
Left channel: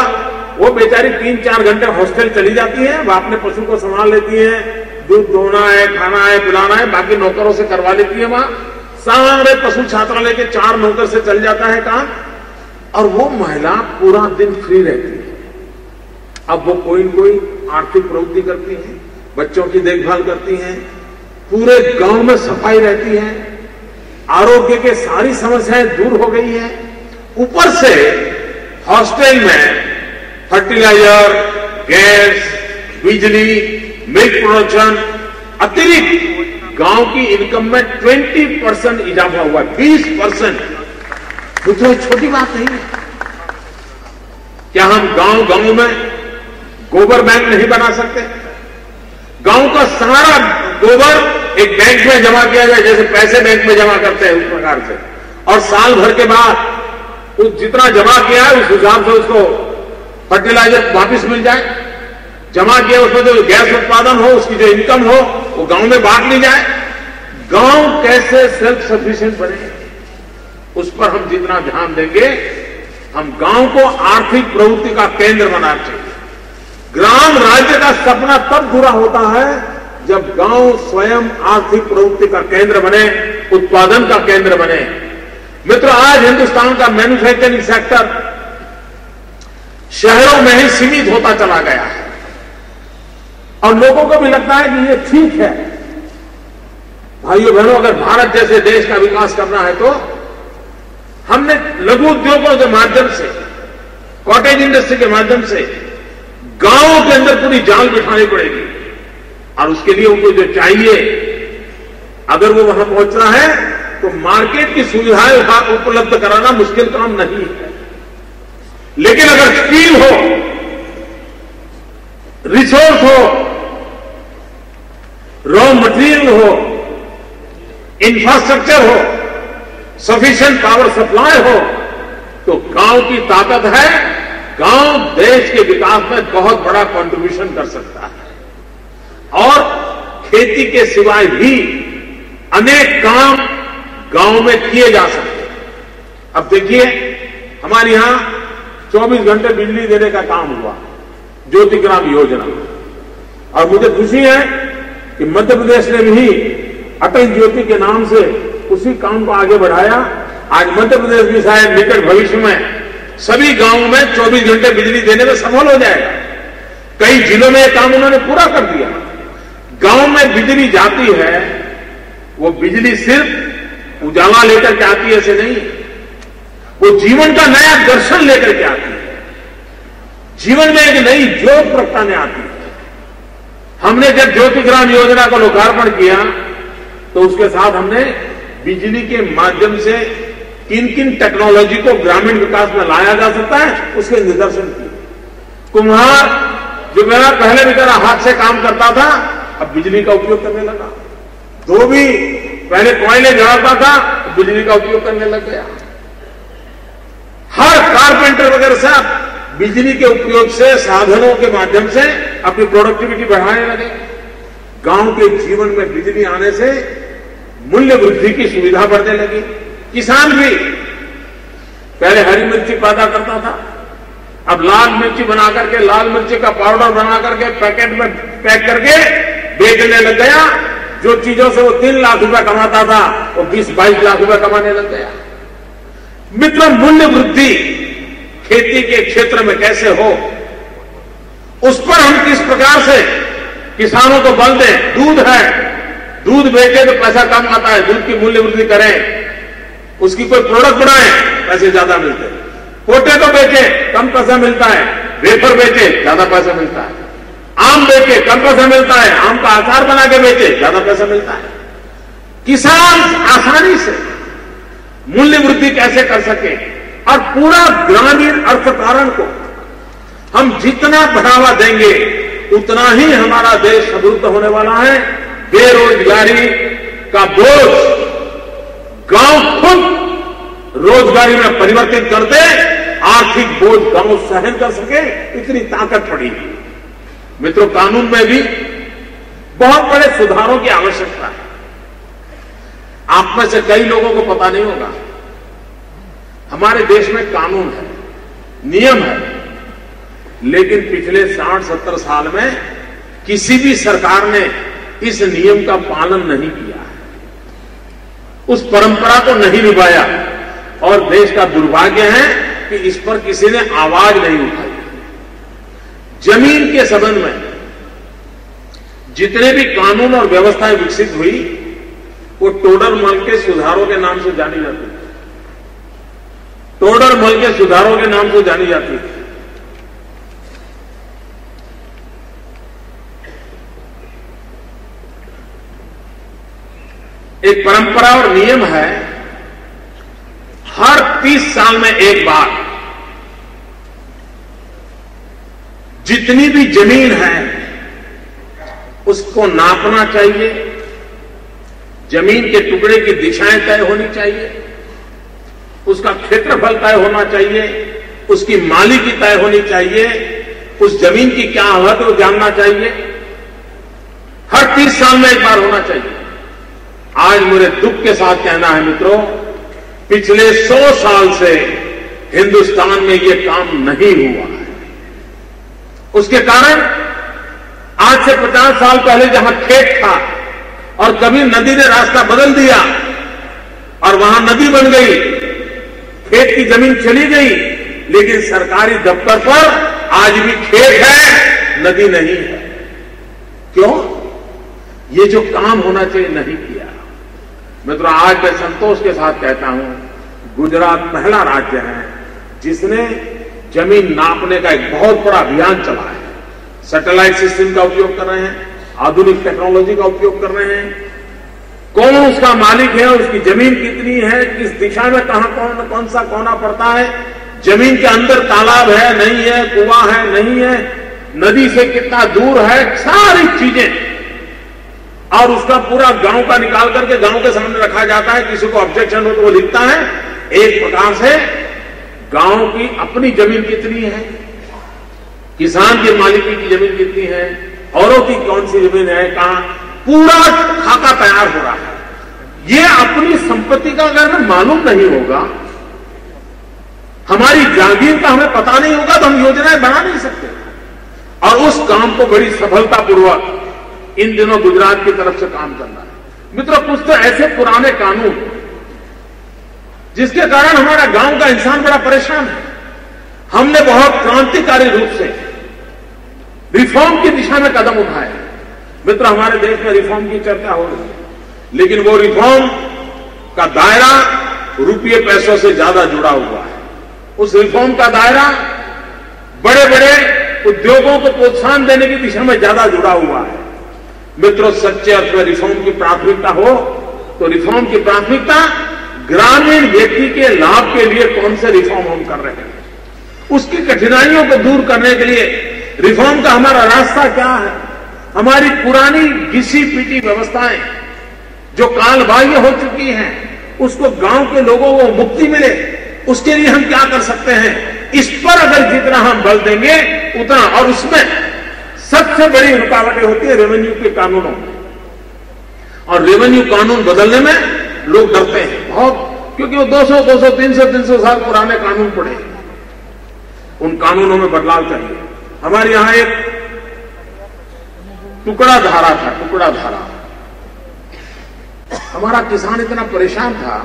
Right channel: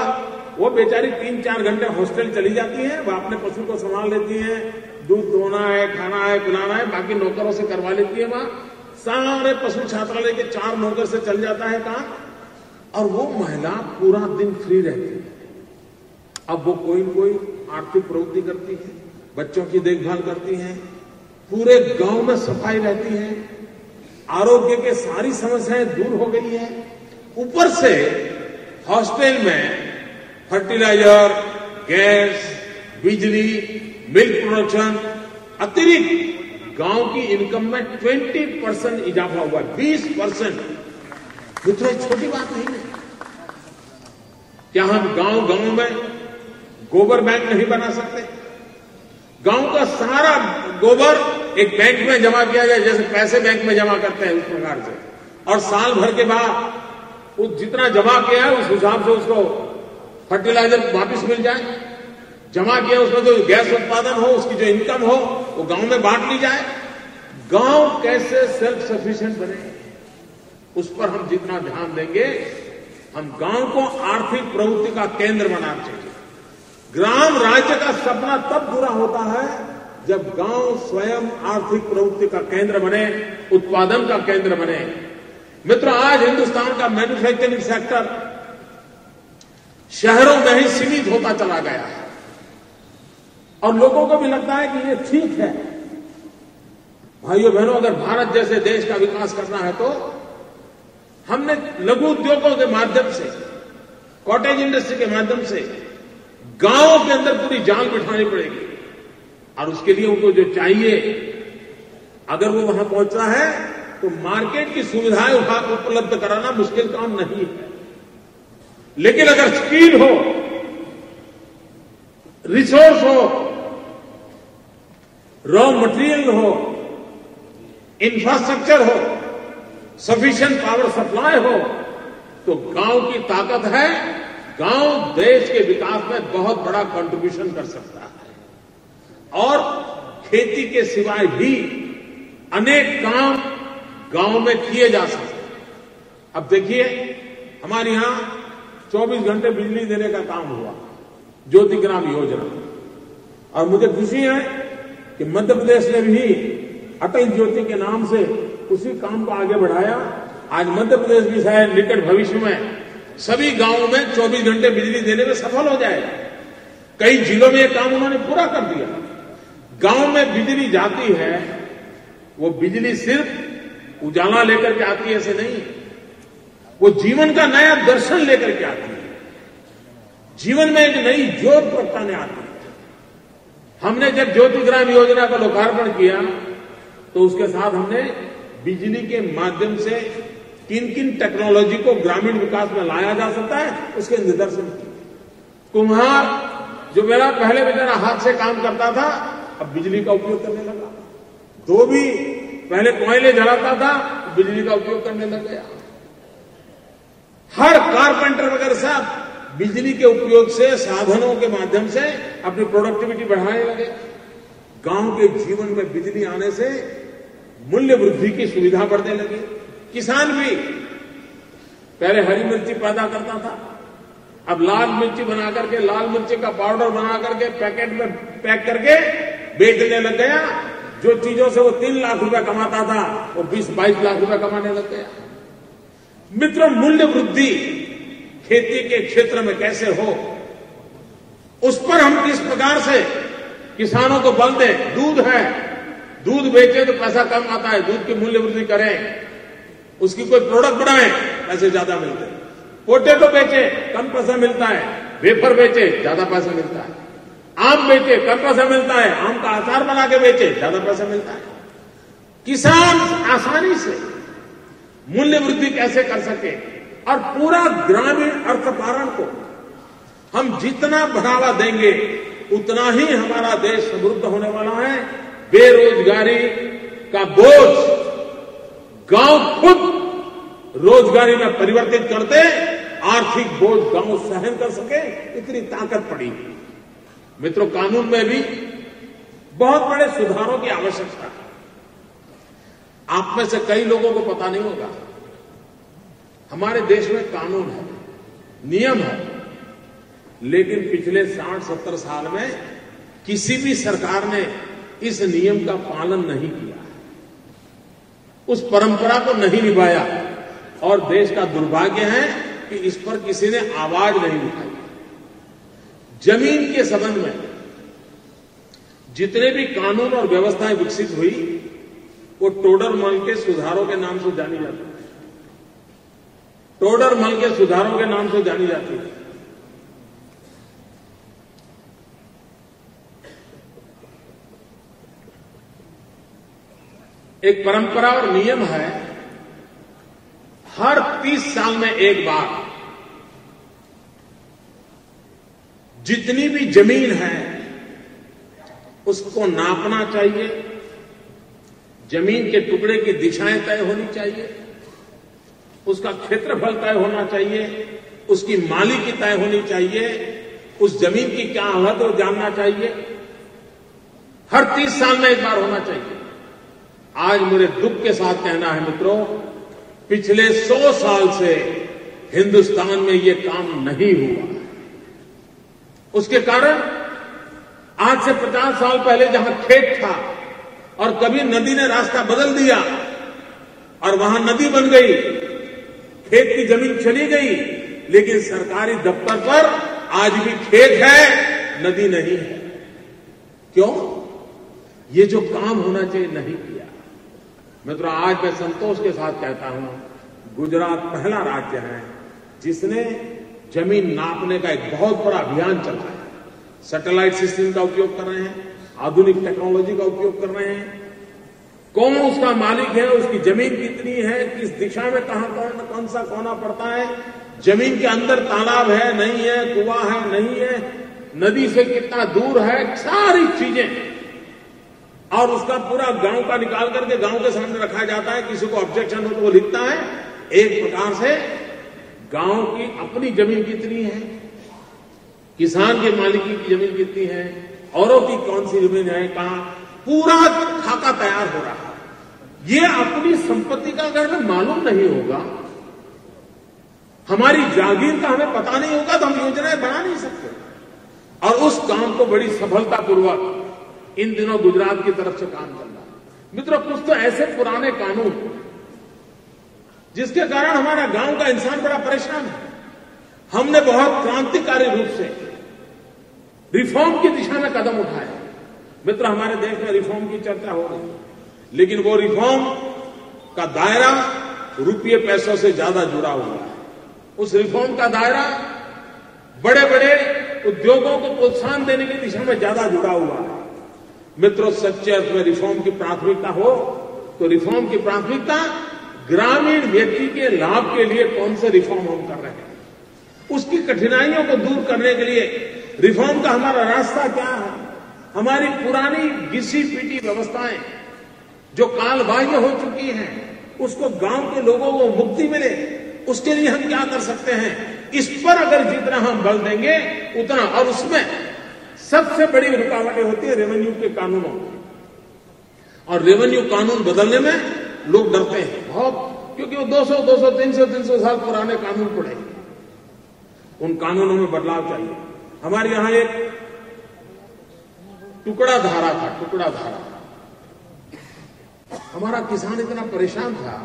वो बेचारी 3-4 घंटे हॉस्टल चली जाती है, वो अपने पशु को संभाल लेती है, दूध धोना है, खाना है, पिलाना है, बाकी नौकरों से करवा लेती है। वहां सारे पशु छात्रालय के 4 नौकर से चल जाता है काम, और वो महिला पूरा दिन फ्री रहती है। अब वो कोई न कोई आर्थिक प्रवृत्ति करती है, बच्चों की देखभाल करती है, पूरे गांव में सफाई रहती है, आरोग्य के सारी समस्याएं दूर हो गई है। ऊपर से हॉस्टल में फर्टिलाइजर, गैस, बिजली, मिल्क प्रोडक्शन, अतिरिक्त गांव की इनकम में 20% इजाफा हुआ, 20%। तो छोटी बात नहीं है। क्या हम गांव में गोबर बैंक नहीं बना सकते? गांव का सारा गोबर एक बैंक में जमा किया जाए, जैसे पैसे बैंक में जमा करते हैं उस प्रकार से, और साल भर के बाद उस जितना जमा किया है उस हिसाब से उसको फर्टिलाइजर वापिस मिल जाए। जमा किया उसमें जो गैस उत्पादन हो, उसकी जो इनकम हो, वो गांव में बांट ली जाए। गांव कैसे सेल्फ सफिशिएंट बने, उस पर हम जितना ध्यान देंगे, हम गांव को आर्थिक प्रवृत्ति का केंद्र बनाना चाहिए। ग्राम राज्य का सपना तब पूरा होता है जब गांव स्वयं आर्थिक प्रवृत्ति का केंद्र बने, उत्पादन का केंद्र बने। मित्रों, आज हिंदुस्तान का मैन्युफैक्चरिंग सेक्टर शहरों में ही सीमित होता चला गया है, और लोगों को भी लगता है कि ये ठीक है। भाइयों बहनों, अगर भारत जैसे देश का विकास करना है तो हमने लघु उद्योगों के माध्यम से, कॉटेज इंडस्ट्री के माध्यम से गांवों के अंदर पूरी जाल बिठानी पड़ेगी, और उसके लिए उनको जो चाहिए अगर वो वहां पहुंचना है तो मार्केट की सुविधाएं उपलब्ध कराना मुश्किल काम नहीं है। लेकिन अगर स्किल हो, रिसोर्स हो, रॉ मटेरियल हो, इंफ्रास्ट्रक्चर हो, सफिशिएंट पावर सप्लाई हो, तो गांव की ताकत है। गांव देश के विकास में बहुत बड़ा कंट्रीब्यूशन कर सकता है। और खेती के सिवाय भी अनेक काम गांव में किए जा सकते हैं। अब देखिए, हमारे यहां 24 घंटे बिजली देने का काम हुआ, ज्योतिग्राम योजना, और मुझे खुशी है कि मध्य प्रदेश ने भी अटल ज्योति के नाम से उसी काम को आगे बढ़ाया। आज मध्य प्रदेश भी शायद निकट भविष्य में सभी गांवों में 24 घंटे बिजली देने में सफल हो जाएगा। कई जिलों में यह काम उन्होंने पूरा कर दिया। गांव में बिजली जाती है, वो बिजली सिर्फ उजाला लेकर के आती है ऐसे नहीं, वो जीवन का नया दर्शन लेकर के आती है, जीवन में एक नई ज्योत प्रगटाने आती है। हमने जब ज्योतिग्राम योजना का लोकार्पण किया तो उसके साथ हमने बिजली के माध्यम से किन किन टेक्नोलॉजी को ग्रामीण विकास में लाया जा सकता है उसके निदर्शन किए। कुम्हार जो मेरा पहले बेचारा हाथ से काम करता था, अब बिजली का उपयोग करने लगा। धोबी पहले कोयले जलाता था, बिजली का उपयोग करने लग गया। हर कारपेंटर वगैरह सब बिजली के उपयोग से, साधनों के माध्यम से अपनी प्रोडक्टिविटी बढ़ाने लगे। गांव के जीवन में बिजली आने से मूल्य वृद्धि की सुविधा बढ़ने लगी। किसान भी पहले हरी मिर्ची पैदा करता था, अब लाल मिर्ची बना करके, लाल मिर्ची का पाउडर बना करके पैकेट में पैक करके बेचने लग गया। जो चीजों से वो 3 लाख रुपए कमाता था, वो 20-22 लाख रुपए कमाने लग गया। मित्रों, मूल्य वृद्धि खेती के क्षेत्र में कैसे हो, उस पर हम किस प्रकार से किसानों को बल दें। दूध है, दूध बेचे तो पैसा कम आता है, दूध की मूल्य वृद्धि करें, उसकी कोई प्रोडक्ट बनाए, पैसे ज्यादा मिलते हैं। पोटैटो बेचे, कम पैसा मिलता है, वेफर बेचे, ज्यादा पैसा मिलता है। आम बेचे, कम पैसा मिलता है, आम का अचार बना के बेचे, ज्यादा पैसा मिलता है। किसान आसानी से मूल्य वृद्धि कैसे कर सके, और पूरा ग्रामीण अर्थकारण को हम जितना बढ़ावा देंगे उतना ही हमारा देश समृद्ध होने वाला है। बेरोजगारी का बोझ गांव खुद रोजगारी में परिवर्तित कर दे, आर्थिक बोझ गांव सहन कर सके, इतनी ताकत पड़ी है। मित्रों, कानून में भी बहुत बड़े सुधारों की आवश्यकता है। आप में से कई लोगों को पता नहीं होगा, हमारे देश में कानून है, नियम है, लेकिन पिछले 60-70 साल में किसी भी सरकार ने इस नियम का पालन नहीं किया है, उस परंपरा को नहीं निभाया, और देश का दुर्भाग्य है कि इस पर किसी ने आवाज नहीं उठाई। जमीन के संबंध में जितने भी कानून और व्यवस्थाएं विकसित हुई, वो टोडरमल के सुधारों के नाम से जानी जाती है। टोडरमल के सुधारों के नाम से जानी जाती है। एक परंपरा और नियम है, हर 30 साल में एक बार जितनी भी जमीन है उसको नापना चाहिए, जमीन के टुकड़े की दिशाएं तय होनी चाहिए, उसका क्षेत्रफल तय होना चाहिए, उसकी मालिकी तय होनी चाहिए, उस जमीन की क्या हद वो जानना चाहिए। हर 30 साल में एक बार होना चाहिए। आज मुझे दुख के साथ कहना है मित्रों, पिछले 100 साल से हिंदुस्तान में यह काम नहीं हुआ है। उसके कारण आज से 50 साल पहले जहां खेत था और कभी नदी ने रास्ता बदल दिया और वहां नदी बन गई, खेत की जमीन चली गई, लेकिन सरकारी दफ्तर पर आज भी खेत है, नदी नहीं है। क्यों? ये जो काम होना चाहिए नहीं किया। मित्रों, आज मैं संतोष के साथ कहता हूं, गुजरात पहला राज्य है जिसने जमीन नापने का एक बहुत बड़ा अभियान चला है। सैटेलाइट सिस्टम का उपयोग कर रहे हैं, आधुनिक टेक्नोलॉजी का उपयोग कर रहे हैं, कौन उसका मालिक है, उसकी जमीन कितनी है, किस दिशा में कहां कौन सा कोना पड़ता है, जमीन के अंदर तालाब है नहीं है, कुआं है नहीं है, नदी से कितना दूर है, सारी चीजें, और उसका पूरा गांव का निकाल करके गांव के सामने रखा जाता है। किसी को ऑब्जेक्शन हो तो वो लिखता है। एक प्रकार से गांव की अपनी जमीन कितनी है, किसान के मालिकी की जमीन कितनी है, औरों की कौन सी जमीन है, कहां, पूरा खाका तैयार हो रहा है। ये अपनी संपत्ति का अगर हमें मालूम नहीं होगा, हमारी जागीर का हमें पता नहीं होगा, तो हम योजनाएं बना नहीं सकते। और उस काम को बड़ी सफलतापूर्वक इन दिनों गुजरात की तरफ से काम चल रहा है। मित्रों, कुछ तो ऐसे पुराने कानून जिसके कारण हमारा गांव का इंसान बड़ा परेशान है। हमने बहुत क्रांतिकारी रूप से रिफॉर्म की दिशा में कदम उठाए। मित्र, हमारे देश में रिफॉर्म की चर्चा हो रही है, लेकिन वो रिफॉर्म का दायरा रुपये पैसों से ज्यादा जुड़ा हुआ है। उस रिफॉर्म का दायरा बड़े बड़े उद्योगों को प्रोत्साहन देने की दिशा में ज्यादा जुड़ा हुआ है। मित्रों, सच्चे अर्थ में रिफॉर्म की प्राथमिकता हो तो रिफॉर्म की प्राथमिकता ग्रामीण व्यक्ति के लाभ के लिए कौन से रिफॉर्म हम कर रहे हैं, उसकी कठिनाइयों को दूर करने के लिए रिफॉर्म का हमारा रास्ता क्या है। हमारी पुरानी घिसी पीटी व्यवस्थाएं जो कालबाह्य हो चुकी हैं, उसको गांव के लोगों को मुक्ति मिले, उसके लिए हम क्या कर सकते हैं। इस पर अगर जितना हम बल देंगे उतना, और उसमें सबसे बड़ी रुकावटें होती है रेवेन्यू के कानूनों में। और रेवेन्यू कानून बदलने में लोग डरते हैं बहुत, क्योंकि वो 200, 300 साल पुराने कानून पड़े। उन कानूनों में बदलाव चाहिए। हमारे यहां एक टुकड़ा धारा था, टुकड़ा धारा। हमारा किसान इतना परेशान था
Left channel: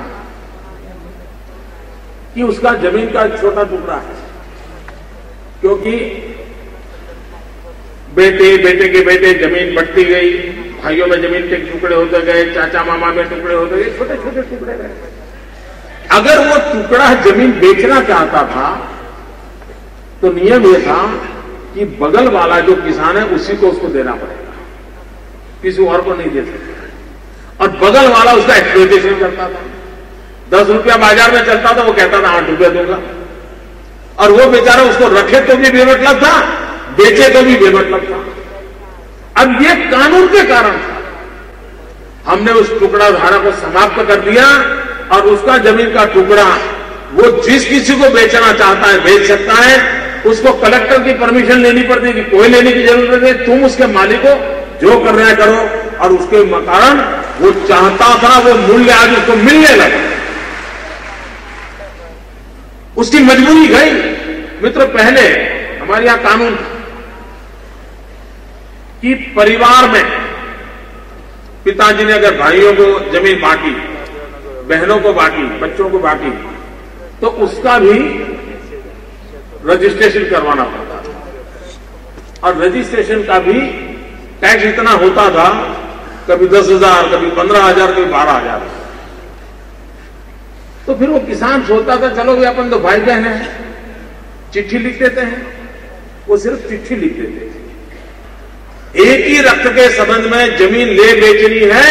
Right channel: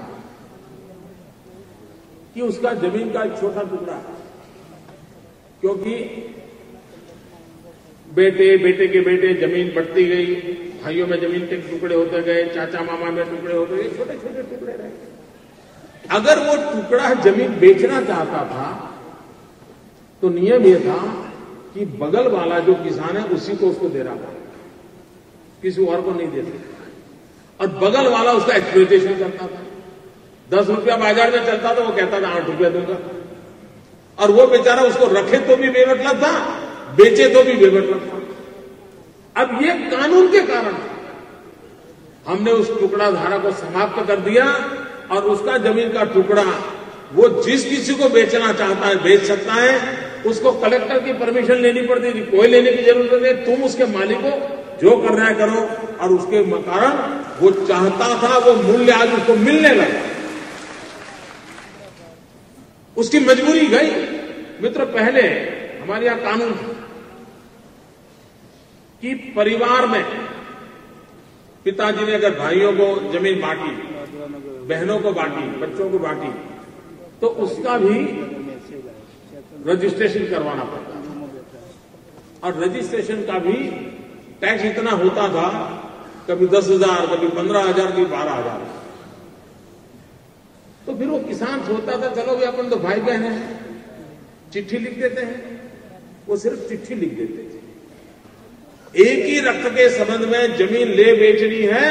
कि उसका जमीन का छोटा टुकड़ा है, क्योंकि बेटे के बेटे जमीन बढ़ती गई, भाइयों में जमीन के टुकड़े होते गए, चाचा मामा में टुकड़े होते गए, छोटे छोटे टुकड़े गए। अगर वो टुकड़ा जमीन बेचना चाहता था तो नियम यह था कि बगल वाला जो किसान है उसी को उसको देना पड़ेगा, किसी और को नहीं दे सकता। और बगल वाला उसका एक्सप्लॉयटेशन करता था। 10 रुपया बाजार में चलता था, वो कहता था 8 रुपया दूंगा, और वो बेचारा उसको रखे तो भी बेमतलब था, बेचे तो भी बेमतलब था। अब ये कानून के कारण था। हमने उस टुकड़ा धारा को समाप्त कर दिया, और उसका जमीन का टुकड़ा वो जिस किसी को बेचना चाहता है बेच सकता है। उसको कलेक्टर की परमिशन लेनी पड़ती है कि कोई लेने की जरूरत नहीं, तुम उसके मालिक को जो कर रहे करो। और उसके कारण वो चाहता था वो मूल्य आज उसको मिलने लगा, उसकी मजबूरी गई। मित्र, पहले हमारे यहां कानून था कि परिवार में पिताजी ने अगर भाइयों को जमीन बांटी, बहनों को बांटी, बच्चों को बांटी, तो उसका भी रजिस्ट्रेशन करवाना पड़ता था। और रजिस्ट्रेशन का भी टैक्स इतना होता था, कभी 10,000, कभी 15,000, कभी 12,000। तो फिर वो किसान सोचता था चलो भी अपन तो भाई बहन हैं, चिट्ठी लिख देते हैं। वो सिर्फ चिट्ठी लिख देते थे। एक ही रक्त के संबंध में जमीन ले बेचनी है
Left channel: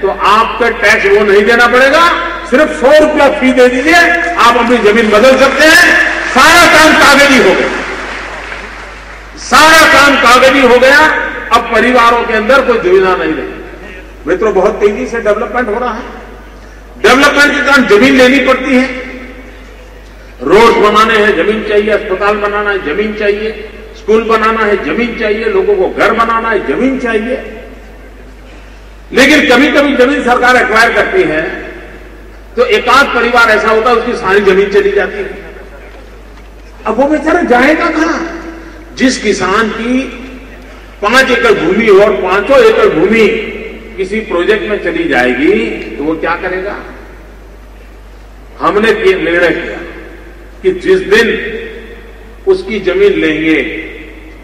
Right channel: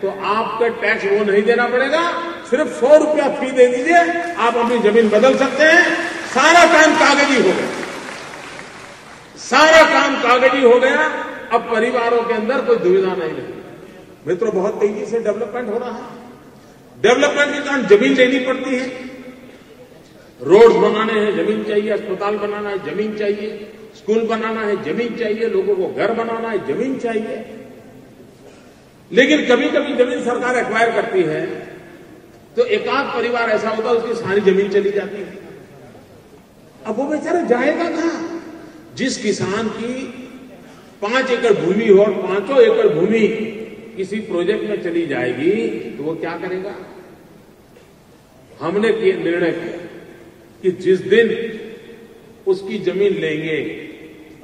तो आपका टैक्स वो नहीं देना पड़ेगा, सिर्फ 100 रुपया फी दे दीजिए, आप अपनी जमीन बदल सकते हैं। सारा काम कागजी हो गया, सारा काम कागजी हो गया। अब परिवारों के अंदर कोई दुविधा नहीं रही। मित्रों, बहुत तेजी से डेवलपमेंट हो रहा है। डेवलपमेंट के कारण जमीन लेनी पड़ती है। रोड बनाने हैं जमीन चाहिए, अस्पताल बनाना है जमीन चाहिए, स्कूल बनाना है जमीन चाहिए, लोगों को घर बनाना है जमीन चाहिए। लेकिन कभी कभी जमीन सरकार एक्वायर करती है तो एकाध परिवार ऐसा होता है उसकी सारी जमीन चली जाती है। अब वो बेचारा जाएगा कहां? जिस किसान की 5 एकड़ भूमि हो और 5 एकड़ भूमि किसी प्रोजेक्ट में चली जाएगी तो वो क्या करेगा? हमने निर्णय किया कि जिस दिन उसकी जमीन लेंगे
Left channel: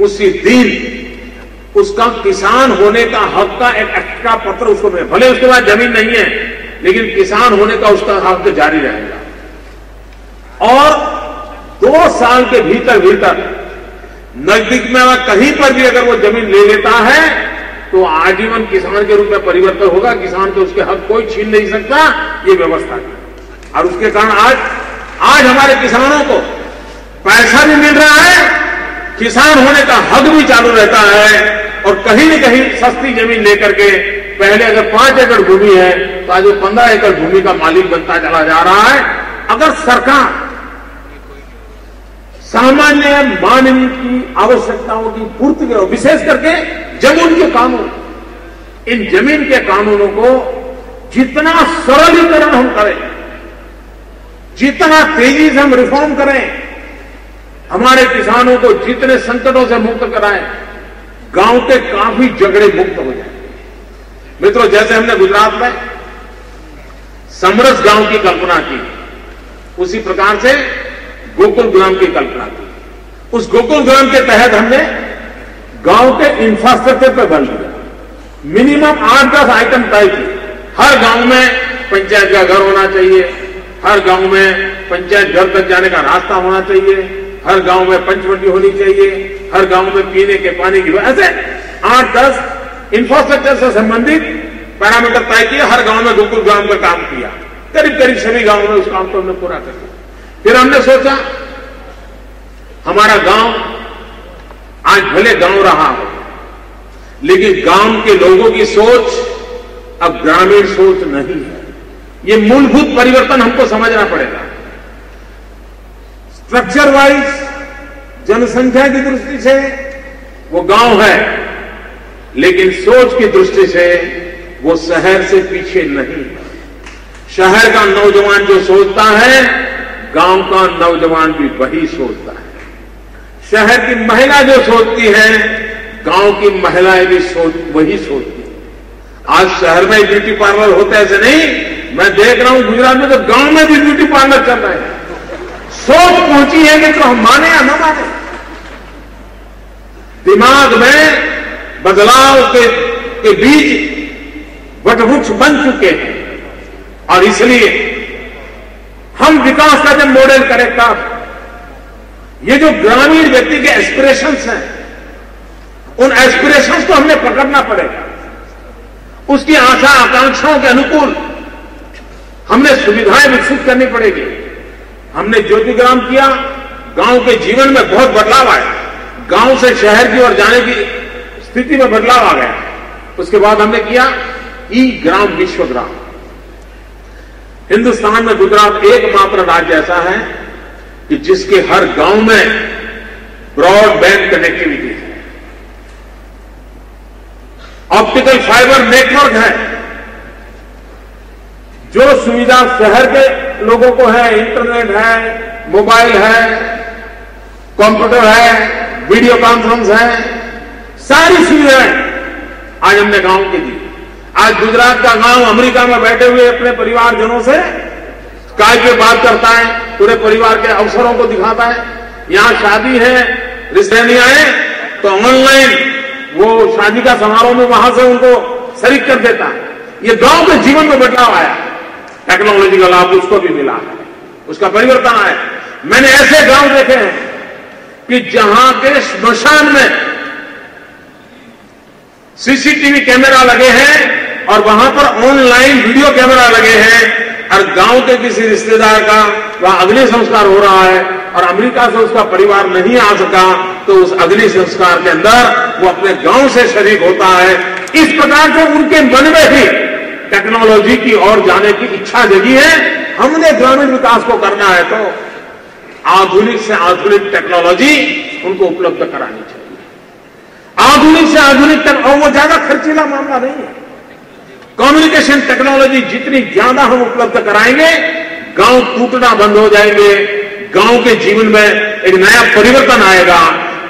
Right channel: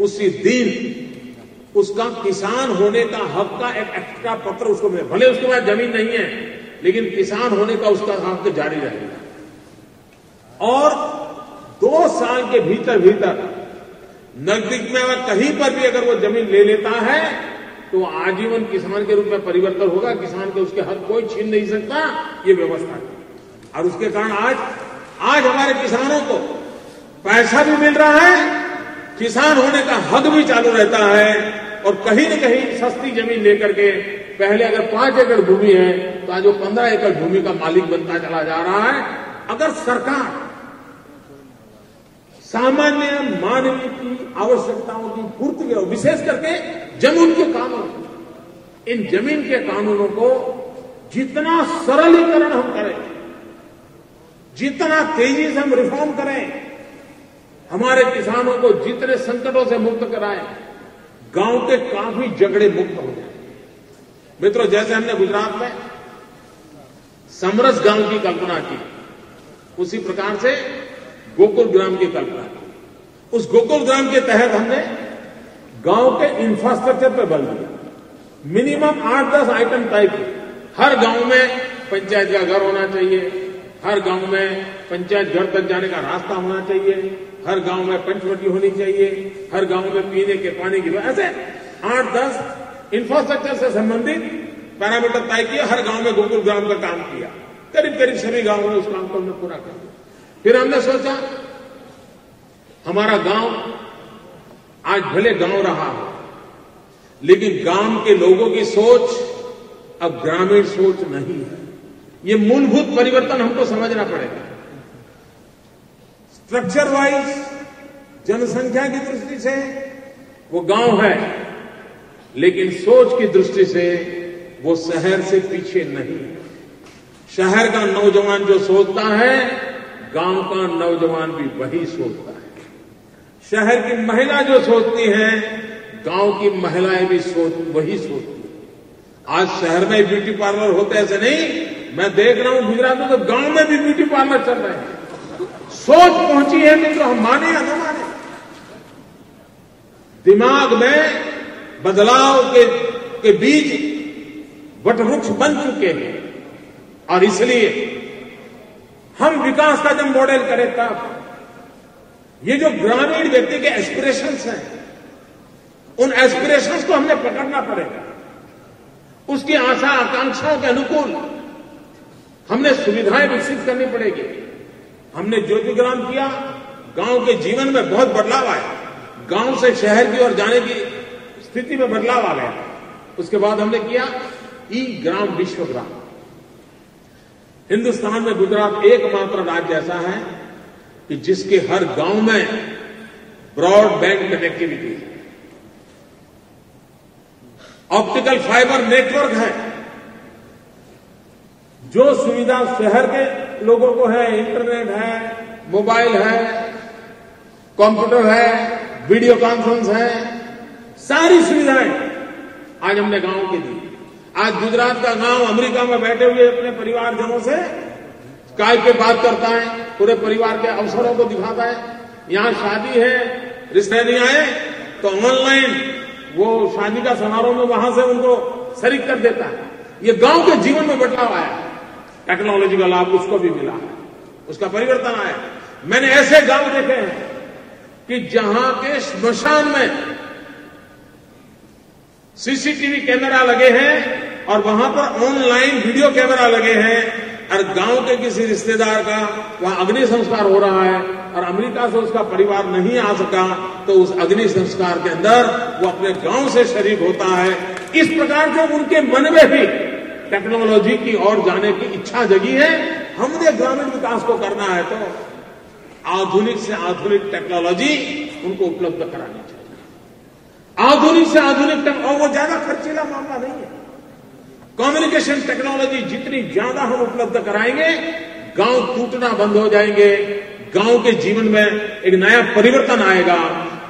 उसी दिन उसका किसान होने का हक का एक एक्स्ट्रा पत्र उसको मिले। भले उसके पास जमीन नहीं है लेकिन किसान होने का उसका हक जारी रहेगा। और 2 साल के भीतर भीतर नजदीक में कहीं पर भी अगर वो जमीन ले लेता है तो आजीवन किसान के रूप में परिवर्तन होगा, किसान के उसके हक कोई छीन नहीं सकता, ये व्यवस्था है। और उसके कारण आज हमारे किसानों को पैसा भी मिल रहा है, किसान होने का हक भी चालू रहता है, और कहीं न कहीं सस्ती जमीन लेकर के पहले अगर 5 एकड़ भूमि है तो आज वो 15 एकड़ भूमि का मालिक बनता चला जा रहा है। अगर सरकार सामान्य मानवीय की आवश्यकताओं की पूर्ति करो, विशेष करके जमीन के कानून, इन जमीन के कानूनों को जितना सरलीकरण हम करें, जितना तेजी से हम रिफॉर्म करें, हमारे किसानों को जितने संकटों से मुक्त कराएं, गांव के काफी झगड़े मुक्त हो जाएंगे। मित्रों, जैसे हमने गुजरात में समरस गांव की कल्पना की, उसी प्रकार से गोकुल ग्राम की कल्पना की। उस गोकुल ग्राम के तहत हमने गांव के इंफ्रास्ट्रक्चर पर बल दिया, मिनिमम 8-10 आइटम तय किए। हर गांव में पंचायत का घर होना चाहिए, हर गांव में पंचायत घर तक जाने का रास्ता होना चाहिए, हर गांव में पंचवटी होनी चाहिए, हर गांव में पीने के पानी की, ऐसे 8-10 इंफ्रास्ट्रक्चर से संबंधित पैरामीटर तय किए। हर गांव में गोकुल ग्राम का काम किया, करीब करीब सभी गांवों में उस काम को हमने पूरा कर दिया। फिर हमने सोचा हमारा गांव आज भले गांव रहा हो, लेकिन गांव के लोगों की सोच अब ग्रामीण सोच नहीं है। ये मूलभूत परिवर्तन हमको समझना पड़ेगा। स्ट्रक्चर वाइज जनसंख्या की दृष्टि से वो गांव है, लेकिन सोच की दृष्टि से वो शहर से पीछे नहीं है। शहर का नौजवान जो सोचता है, गांव का नौजवान भी वही सोचता है। शहर की महिला जो सोचती है, गांव की महिलाएं भी वही सोचती है। आज शहर में ब्यूटी पार्लर होते ऐसे नहीं, मैं देख रहा हूं गुजरात में तो गांव में भी ब्यूटी पार्लर चल रहे हैं। सोच पहुंची है कि तो हम माने या न माने, दिमाग में बदलाव के बीज वटवृक्ष बन चुके हैं। और इसलिए हम विकास का जब मॉडल करें तब ये जो ग्रामीण व्यक्ति के एस्पिरेशंस हैं, उन एस्पिरेशंस को हमने पकड़ना पड़ेगा। उसकी आशा आकांक्षाओं के अनुकूल हमने सुविधाएं विकसित करनी पड़ेगी। हमने ज्योतिग्राम किया, गांव के जीवन में बहुत बदलाव आया, गांव से शहर की ओर जाने की स्थिति में बदलाव आ गया। उसके बाद हमने किया ई ग्राम विश्वग्राम। हिंदुस्तान में गुजरात एकमात्र राज्य ऐसा है कि जिसके हर गांव में ब्रॉडबैंड कनेक्टिविटी है, ऑप्टिकल फाइबर नेटवर्क है। जो सुविधा शहर के लोगों को है, इंटरनेट है, मोबाइल है, कंप्यूटर है, वीडियो कॉन्फ्रेंस है, सारी सुविधाएं आज हमने गांव की दी। आज गुजरात का गांव अमेरिका में बैठे हुए अपने परिवारजनों से स्काइप पे बात करता है, पूरे परिवार के अवसरों को दिखाता है। यहां शादी है, रिश्तेदारी है, तो ऑनलाइन वो शादी का समारोह में वहां से उनको शरीक कर देता है। ये गांव के जीवन में बदलाव आया, टेक्नोलॉजी का लाभ उसको भी मिला है, उसका परिवर्तन आया। मैंने ऐसे गांव देखे हैं कि जहां के श्मशान में सीसीटीवी कैमरा लगे हैं और वहां पर ऑनलाइन वीडियो कैमरा लगे हैं, और गांव के किसी रिश्तेदार का वहां अग्नि संस्कार हो रहा है और अमेरिका से उसका परिवार नहीं आ सका, तो उस अग्नि संस्कार के अंदर वो अपने गांव से शरीक होता है। इस प्रकार से उनके मन में भी टेक्नोलॉजी की ओर जाने की इच्छा जगी है। हमने ग्रामीण विकास को करना है तो आधुनिक से आधुनिक टेक्नोलॉजी उनको उपलब्ध करानी चाहिए। आधुनिक से आधुनिक और वो ज्यादा खर्चीला मामला नहीं है। कम्युनिकेशन टेक्नोलॉजी जितनी ज्यादा हम उपलब्ध कराएंगे, गांव टूटना बंद हो जाएंगे, गांव के जीवन में एक नया परिवर्तन आएगा।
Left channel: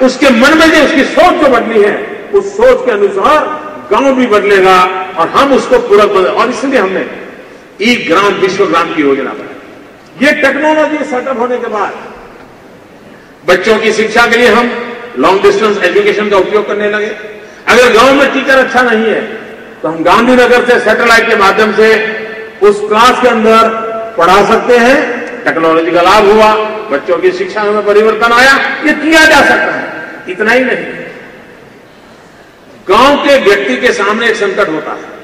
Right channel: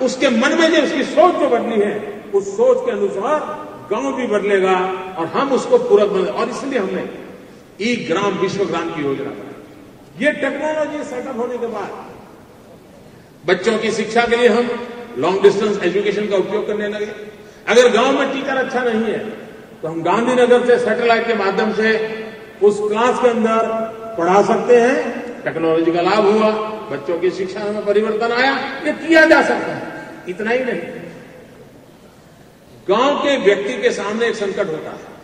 उसके मन में जो उसकी सोच जो बदली है, उस सोच के अनुसार गांव भी बदलेगा और हम उसको पूरा बदल। और इसलिए हमने ई ग्राम विश्वग्राम की योजना बनाई। ये टेक्नोलॉजी सेटअप होने के बाद बच्चों की शिक्षा के लिए हम लॉन्ग डिस्टेंस एजुकेशन का उपयोग करने लगे। अगर गांव में टीचर अच्छा नहीं है तो हम गांधीनगर से सैटेलाइट के माध्यम से उस क्लास के अंदर पढ़ा सकते हैं। टेक्नोलॉजी का लाभ हुआ, बच्चों की शिक्षा में परिवर्तन आया। ये किया जा सकता है। इतना ही नहीं, गांव के व्यक्ति के सामने एक संकट होता है,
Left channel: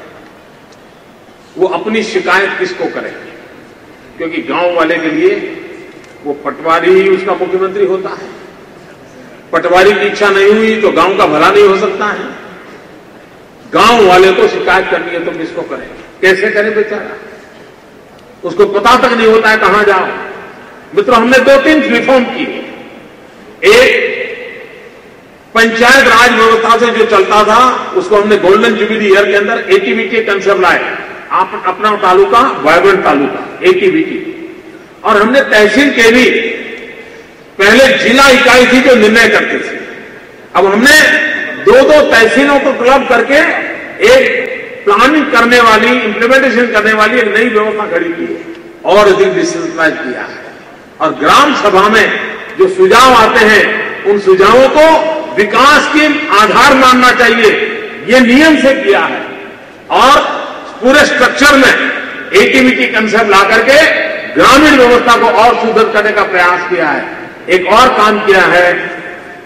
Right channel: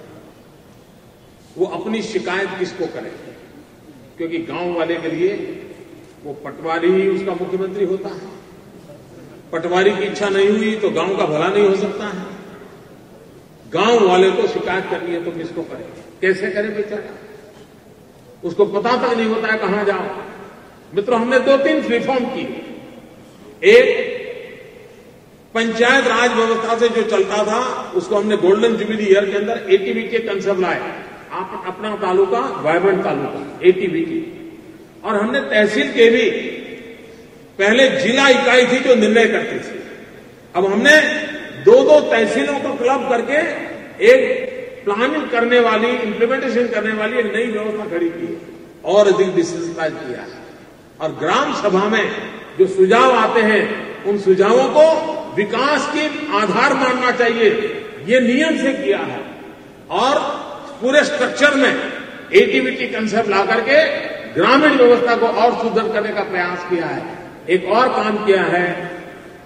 वो अपनी शिकायत किसको करे, क्योंकि गांव वाले के लिए वो पटवारी ही उसका मुख्यमंत्री होता है। पटवारी की इच्छा नहीं हुई तो गांव का भला नहीं हो सकता है। गांव वाले को शिकायत करनी है तो किसको करे, कैसे करे बेचारा, उसको पता तक नहीं होता है कहां जाओ। मित्रों, हमने 2-3 रिफॉर्म किए। एक, पंचायत राज व्यवस्था से जो चलता था उसको हमने गोल्डन जुबिली ईयर के अंदर एटीबीटी कंसेप्ट लाए, आप अपना तालुका वाइब्रेंट तालुका, एटीबीटी। और हमने तहसील के भी, पहले जिला इकाई थी जो निर्णय करती थी, अब हमने 2-2 तहसीलों को क्लब करके एक प्लानिंग करने वाली, इंप्लीमेंटेशन करने वाली एक नई व्यवस्था खड़ी की है और अधिक डिसेंट्रलाइज किया है। और ग्राम सभा में जो सुझाव आते हैं उन सुझावों को विकास के आधार मानना चाहिए, ये नियम से किया है। और पूरे स्ट्रक्चर में एटीबीटी कंसेप्ट ला करके ग्रामीण व्यवस्था को और सुदृढ़ करने का प्रयास किया है। एक और काम किया है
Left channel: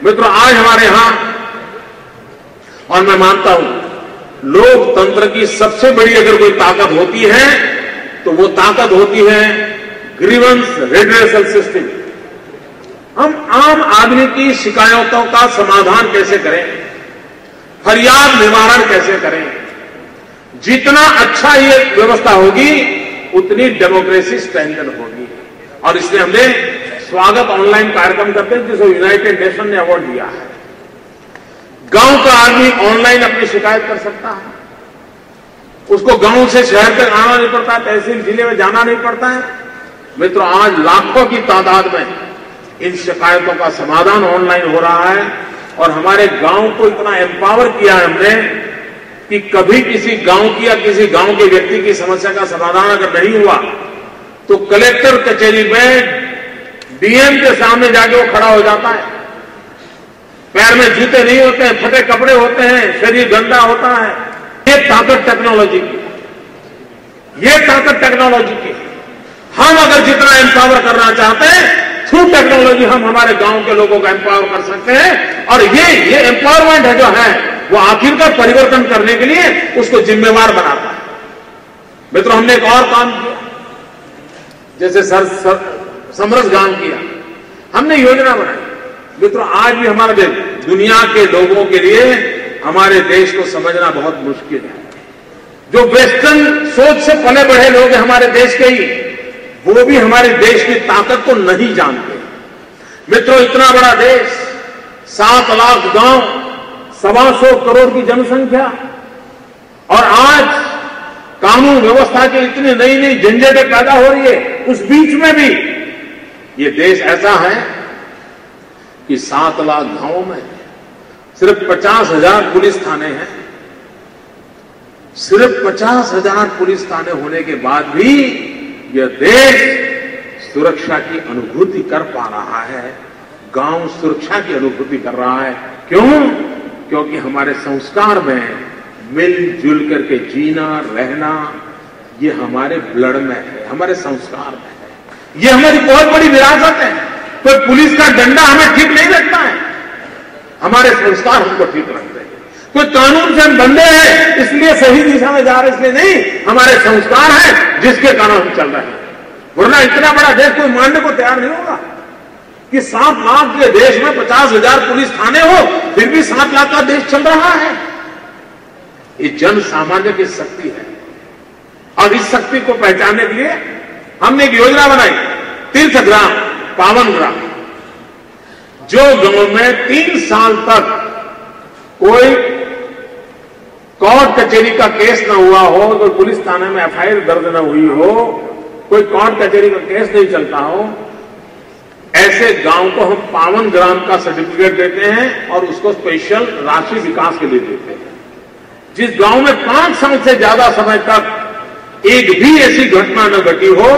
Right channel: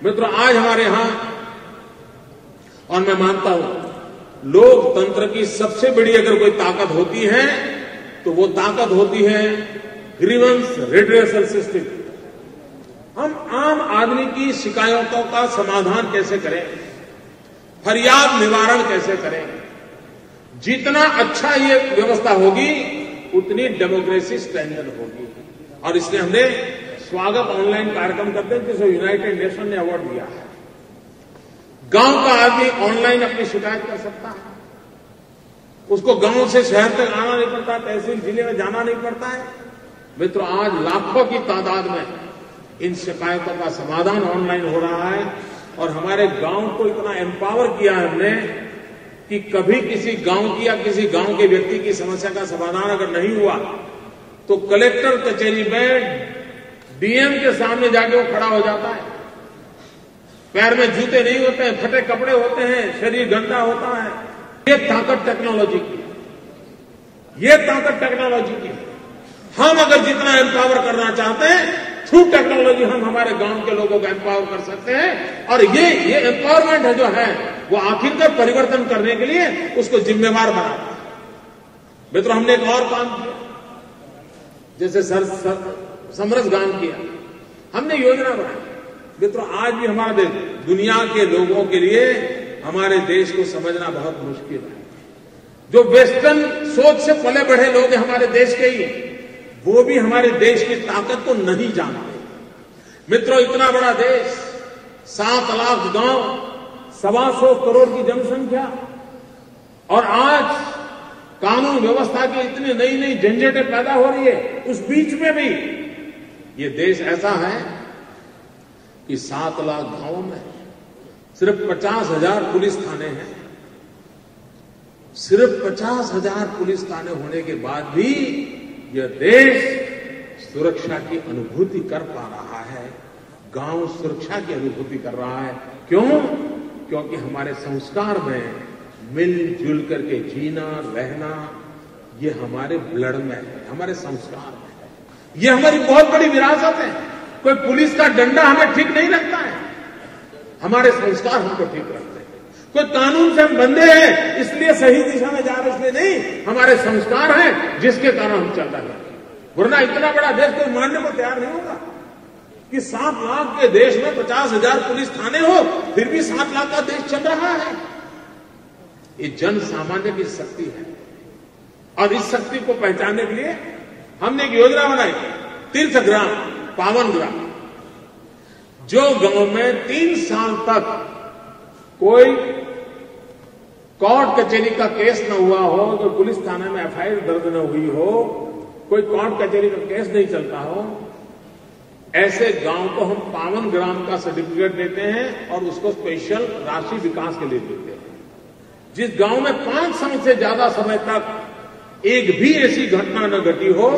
मित्रों, आज हमारे यहां, और मैं मानता हूं लोकतंत्र की सबसे बड़ी अगर कोई ताकत होती है तो वो ताकत होती है ग्रीवेंस रेड्रेसल सिस्टम। हम आम आदमी की शिकायतों का समाधान कैसे करें, फरियाद निवारण कैसे करें। जितना अच्छा ये व्यवस्था होगी उतनी डेमोक्रेसी स्ट्रेंथन होगी। और इसलिए हमने स्वागत ऑनलाइन कार्यक्रम करते हैं जिसे यूनाइटेड नेशन ने अवार्ड दिया है। गांव का आदमी ऑनलाइन अपनी शिकायत कर सकता है, उसको गांव से शहर तक आना नहीं पड़ता, तहसील जिले में जाना नहीं पड़ता है। मित्रों, आज लाखों की तादाद में इन शिकायतों का समाधान ऑनलाइन हो रहा है। और हमारे गांव को इतना एम्पावर किया है हमने कि कभी किसी गांव की या किसी गांव के व्यक्ति की समस्या का समाधान अगर नहीं हुआ तो कलेक्टर कचहरी में डीएम के सामने जाके वो खड़ा हो जाता है। पैर में जूते नहीं होते हैं, फटे कपड़े होते हैं, शरीर गंदा होता है। ये ताकत टेक्नोलॉजी की, ये ताकत टेक्नोलॉजी की। हम अगर जितना एम्पावर करना चाहते हैं थ्रू टेक्नोलॉजी हम हमारे गांव के लोगों को एम्पावर कर सकते हैं। और ये एम्पावरमेंट है जो है वो आखिरकार परिवर्तन करने के लिए उसको जिम्मेवार बनाता है। मित्रों, हमने एक और काम किया, जैसे समरस गांव किया, हमने योजना बनाई। मित्रों, आज भी हमारे देश, दुनिया के लोगों के लिए हमारे देश को समझना बहुत मुश्किल है। जो वेस्टर्न सोच से पले बढ़े लोग हैं हमारे देश के ही, वो भी हमारे देश की ताकत को नहीं जानते। मित्रों, इतना बड़ा देश, 7 लाख गांव, 125 करोड़ की जनसंख्या, और आज कानून व्यवस्था की इतनी नई नई झंझटें पैदा हो रही है, उस बीच में भी ये देश ऐसा है कि 7 लाख गांवों में सिर्फ 50,000 पुलिस थाने हैं। सिर्फ 50,000 पुलिस थाने होने के बाद भी यह देश सुरक्षा की अनुभूति कर पा रहा है, गांव सुरक्षा की अनुभूति कर रहा है। क्यों? क्योंकि हमारे संस्कार में मिलजुल करके जीना, रहना, ये हमारे ब्लड में है, हमारे संस्कार में है। ये हमारी बहुत बड़ी विरासत है। कोई पुलिस का डंडा हमें ठीक नहीं रखता है, हमारे संस्कार हमको ठीक रखते हैं। कोई कानून से हम बंधे हैं इसलिए सही दिशा में जा रहे इसलिए नहीं, हमारे संस्कार हैं जिसके कारण हम चल रहे हैं। वरना इतना बड़ा देश कोई मानने को तैयार नहीं होगा कि 7 लाख के देश में 50,000 पुलिस थाने हो, फिर भी 7 लाख का देश चल रहा है। ये जन सामान्य की शक्ति है। और इस शक्ति को पहचानने के लिए हमने एक योजना बनाई, तीर्थ ग्राम, पावन ग्राम। जो गांव में 3 साल तक कोई कोर्ट कचहरी का केस न हुआ हो, कोई पुलिस थाने में एफआईआर दर्ज न हुई हो, कोई कोर्ट कचहरी का केस नहीं चलता हो, ऐसे गांव को हम पावन ग्राम का सर्टिफिकेट देते हैं और उसको स्पेशल राशि विकास के लिए देते हैं। जिस गांव में 5 साल से ज्यादा समय तक एक भी ऐसी घटना न घटी हो,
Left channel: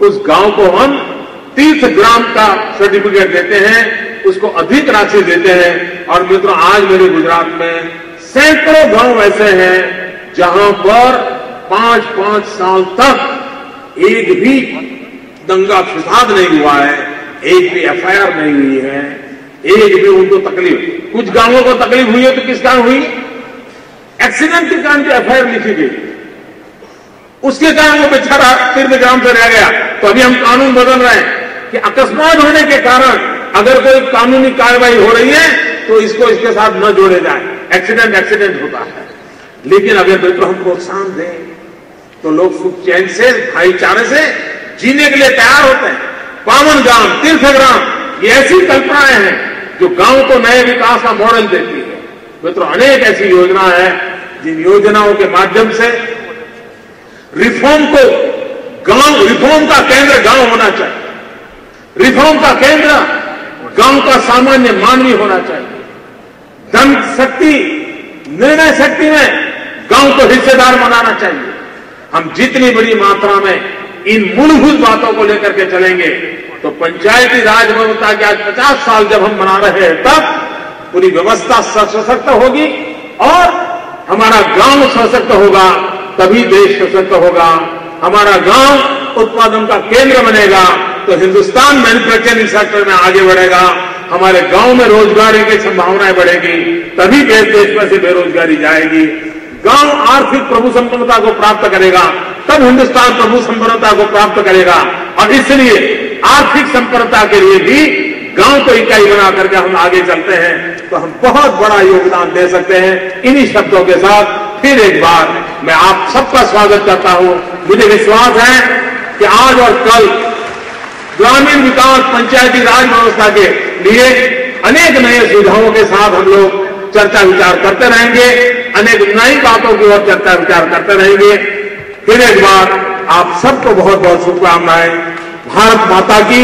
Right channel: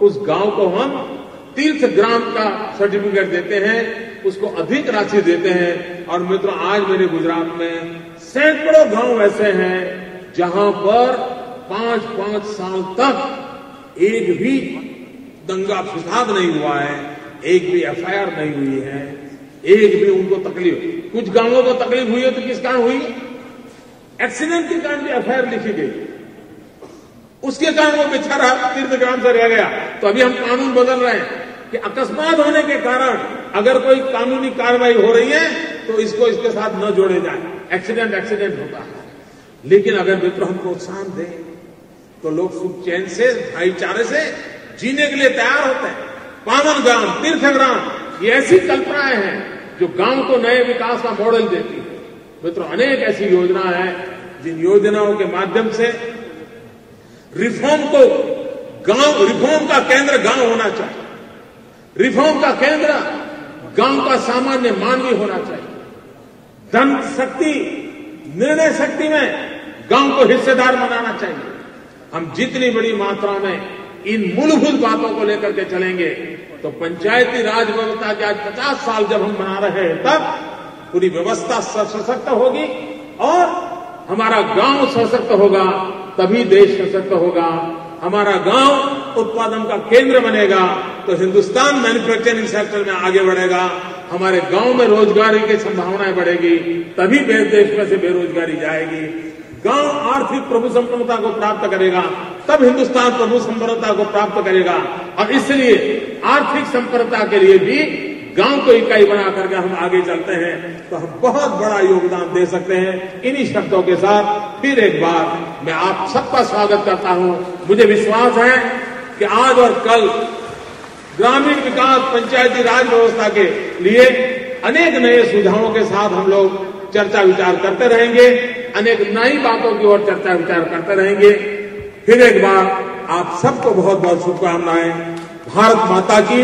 उस गांव को हम तीर्थ ग्राम का सर्टिफिकेट देते हैं, उसको अधिक राशि देते हैं। और मित्रों, आज मेरे गुजरात में सैकड़ों गांव ऐसे हैं जहां पर 5-5 साल तक एक भी दंगा फिसाद नहीं हुआ है, एक भी एफआईआर नहीं हुई है, एक भी उनको तकलीफ। कुछ गांवों को तकलीफ हुई है तो किस कारण हुई? एक्सीडेंट के कारण जो एफआईआर लिखी गई, उसके कारण वो बेचारा तीर्थग्राम से रह गया। तो अभी हम कानून बदल रहे हैं कि अकस्मात होने के कारण अगर कोई कानूनी कार्रवाई हो रही है तो इसको इसके साथ न जोड़े जाए। एक्सीडेंट होता है, लेकिन अगर मित्रों हम प्रोत्साहन दें तो लोग सुख चैन से, भाईचारे से जीने के लिए तैयार होते हैं। पावन ग्राम, तीर्थग्राम, ये ऐसी कल्पनाएं हैं जो गांव को नए विकास का मॉडल देती है। मित्रों, अनेक ऐसी योजना है जिन योजनाओं के माध्यम से रिफॉर्म का केंद्र गांव होना चाहिए। रिफॉर्म का केंद्र गांव का सामान्य मानवी होना चाहिए। धन शक्ति, निर्णय शक्ति में गांव को हिस्सेदार बनाना चाहिए। हम जितनी बड़ी मात्रा में इन मूलभूत बातों को लेकर के चलेंगे तो पंचायती राज व्यवस्था के आज 50 साल जब हम मना रहे हैं तब पूरी व्यवस्था सशक्त होगी और हमारा गांव सशक्त होगा, तभी देश सशक्त होगा। हमारा गांव उत्पादन का केंद्र बनेगा तो हिंदुस्तान मैन्युफैक्चरिंग सेक्टर में आगे बढ़ेगा। हमारे गांव में रोजगारी की संभावनाएं बढ़ेगी, तभी देश में से बेरोजगारी जाएगी। गांव आर्थिक प्रभु संपन्नता को प्राप्त करेगा, तब हिंदुस्तान प्रभु संपन्नता को प्राप्त करेगा। और इसलिए आर्थिक संपन्नता के लिए भी गांव को इकाई बना करके हम आगे चलते हैं तो हम बहुत बड़ा योगदान दे सकते हैं। इन्हीं शब्दों के साथ फिर एक बार मैं आप सबका स्वागत करता हूं। मुझे विश्वास है कि आज और कल ग्रामीण विकास, पंचायती राज व्यवस्था के लिए अनेक नए सुझावों के साथ हम लोग चर्चा विचार करते रहेंगे, अनेक नई बातों की ओर चर्चा विचार करते रहेंगे। फिर एक बार आप सबको बहुत बहुत शुभकामनाएं। भारत माता की,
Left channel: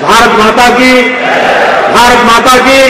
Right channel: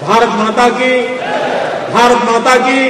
भारत माता की, भारत माता की।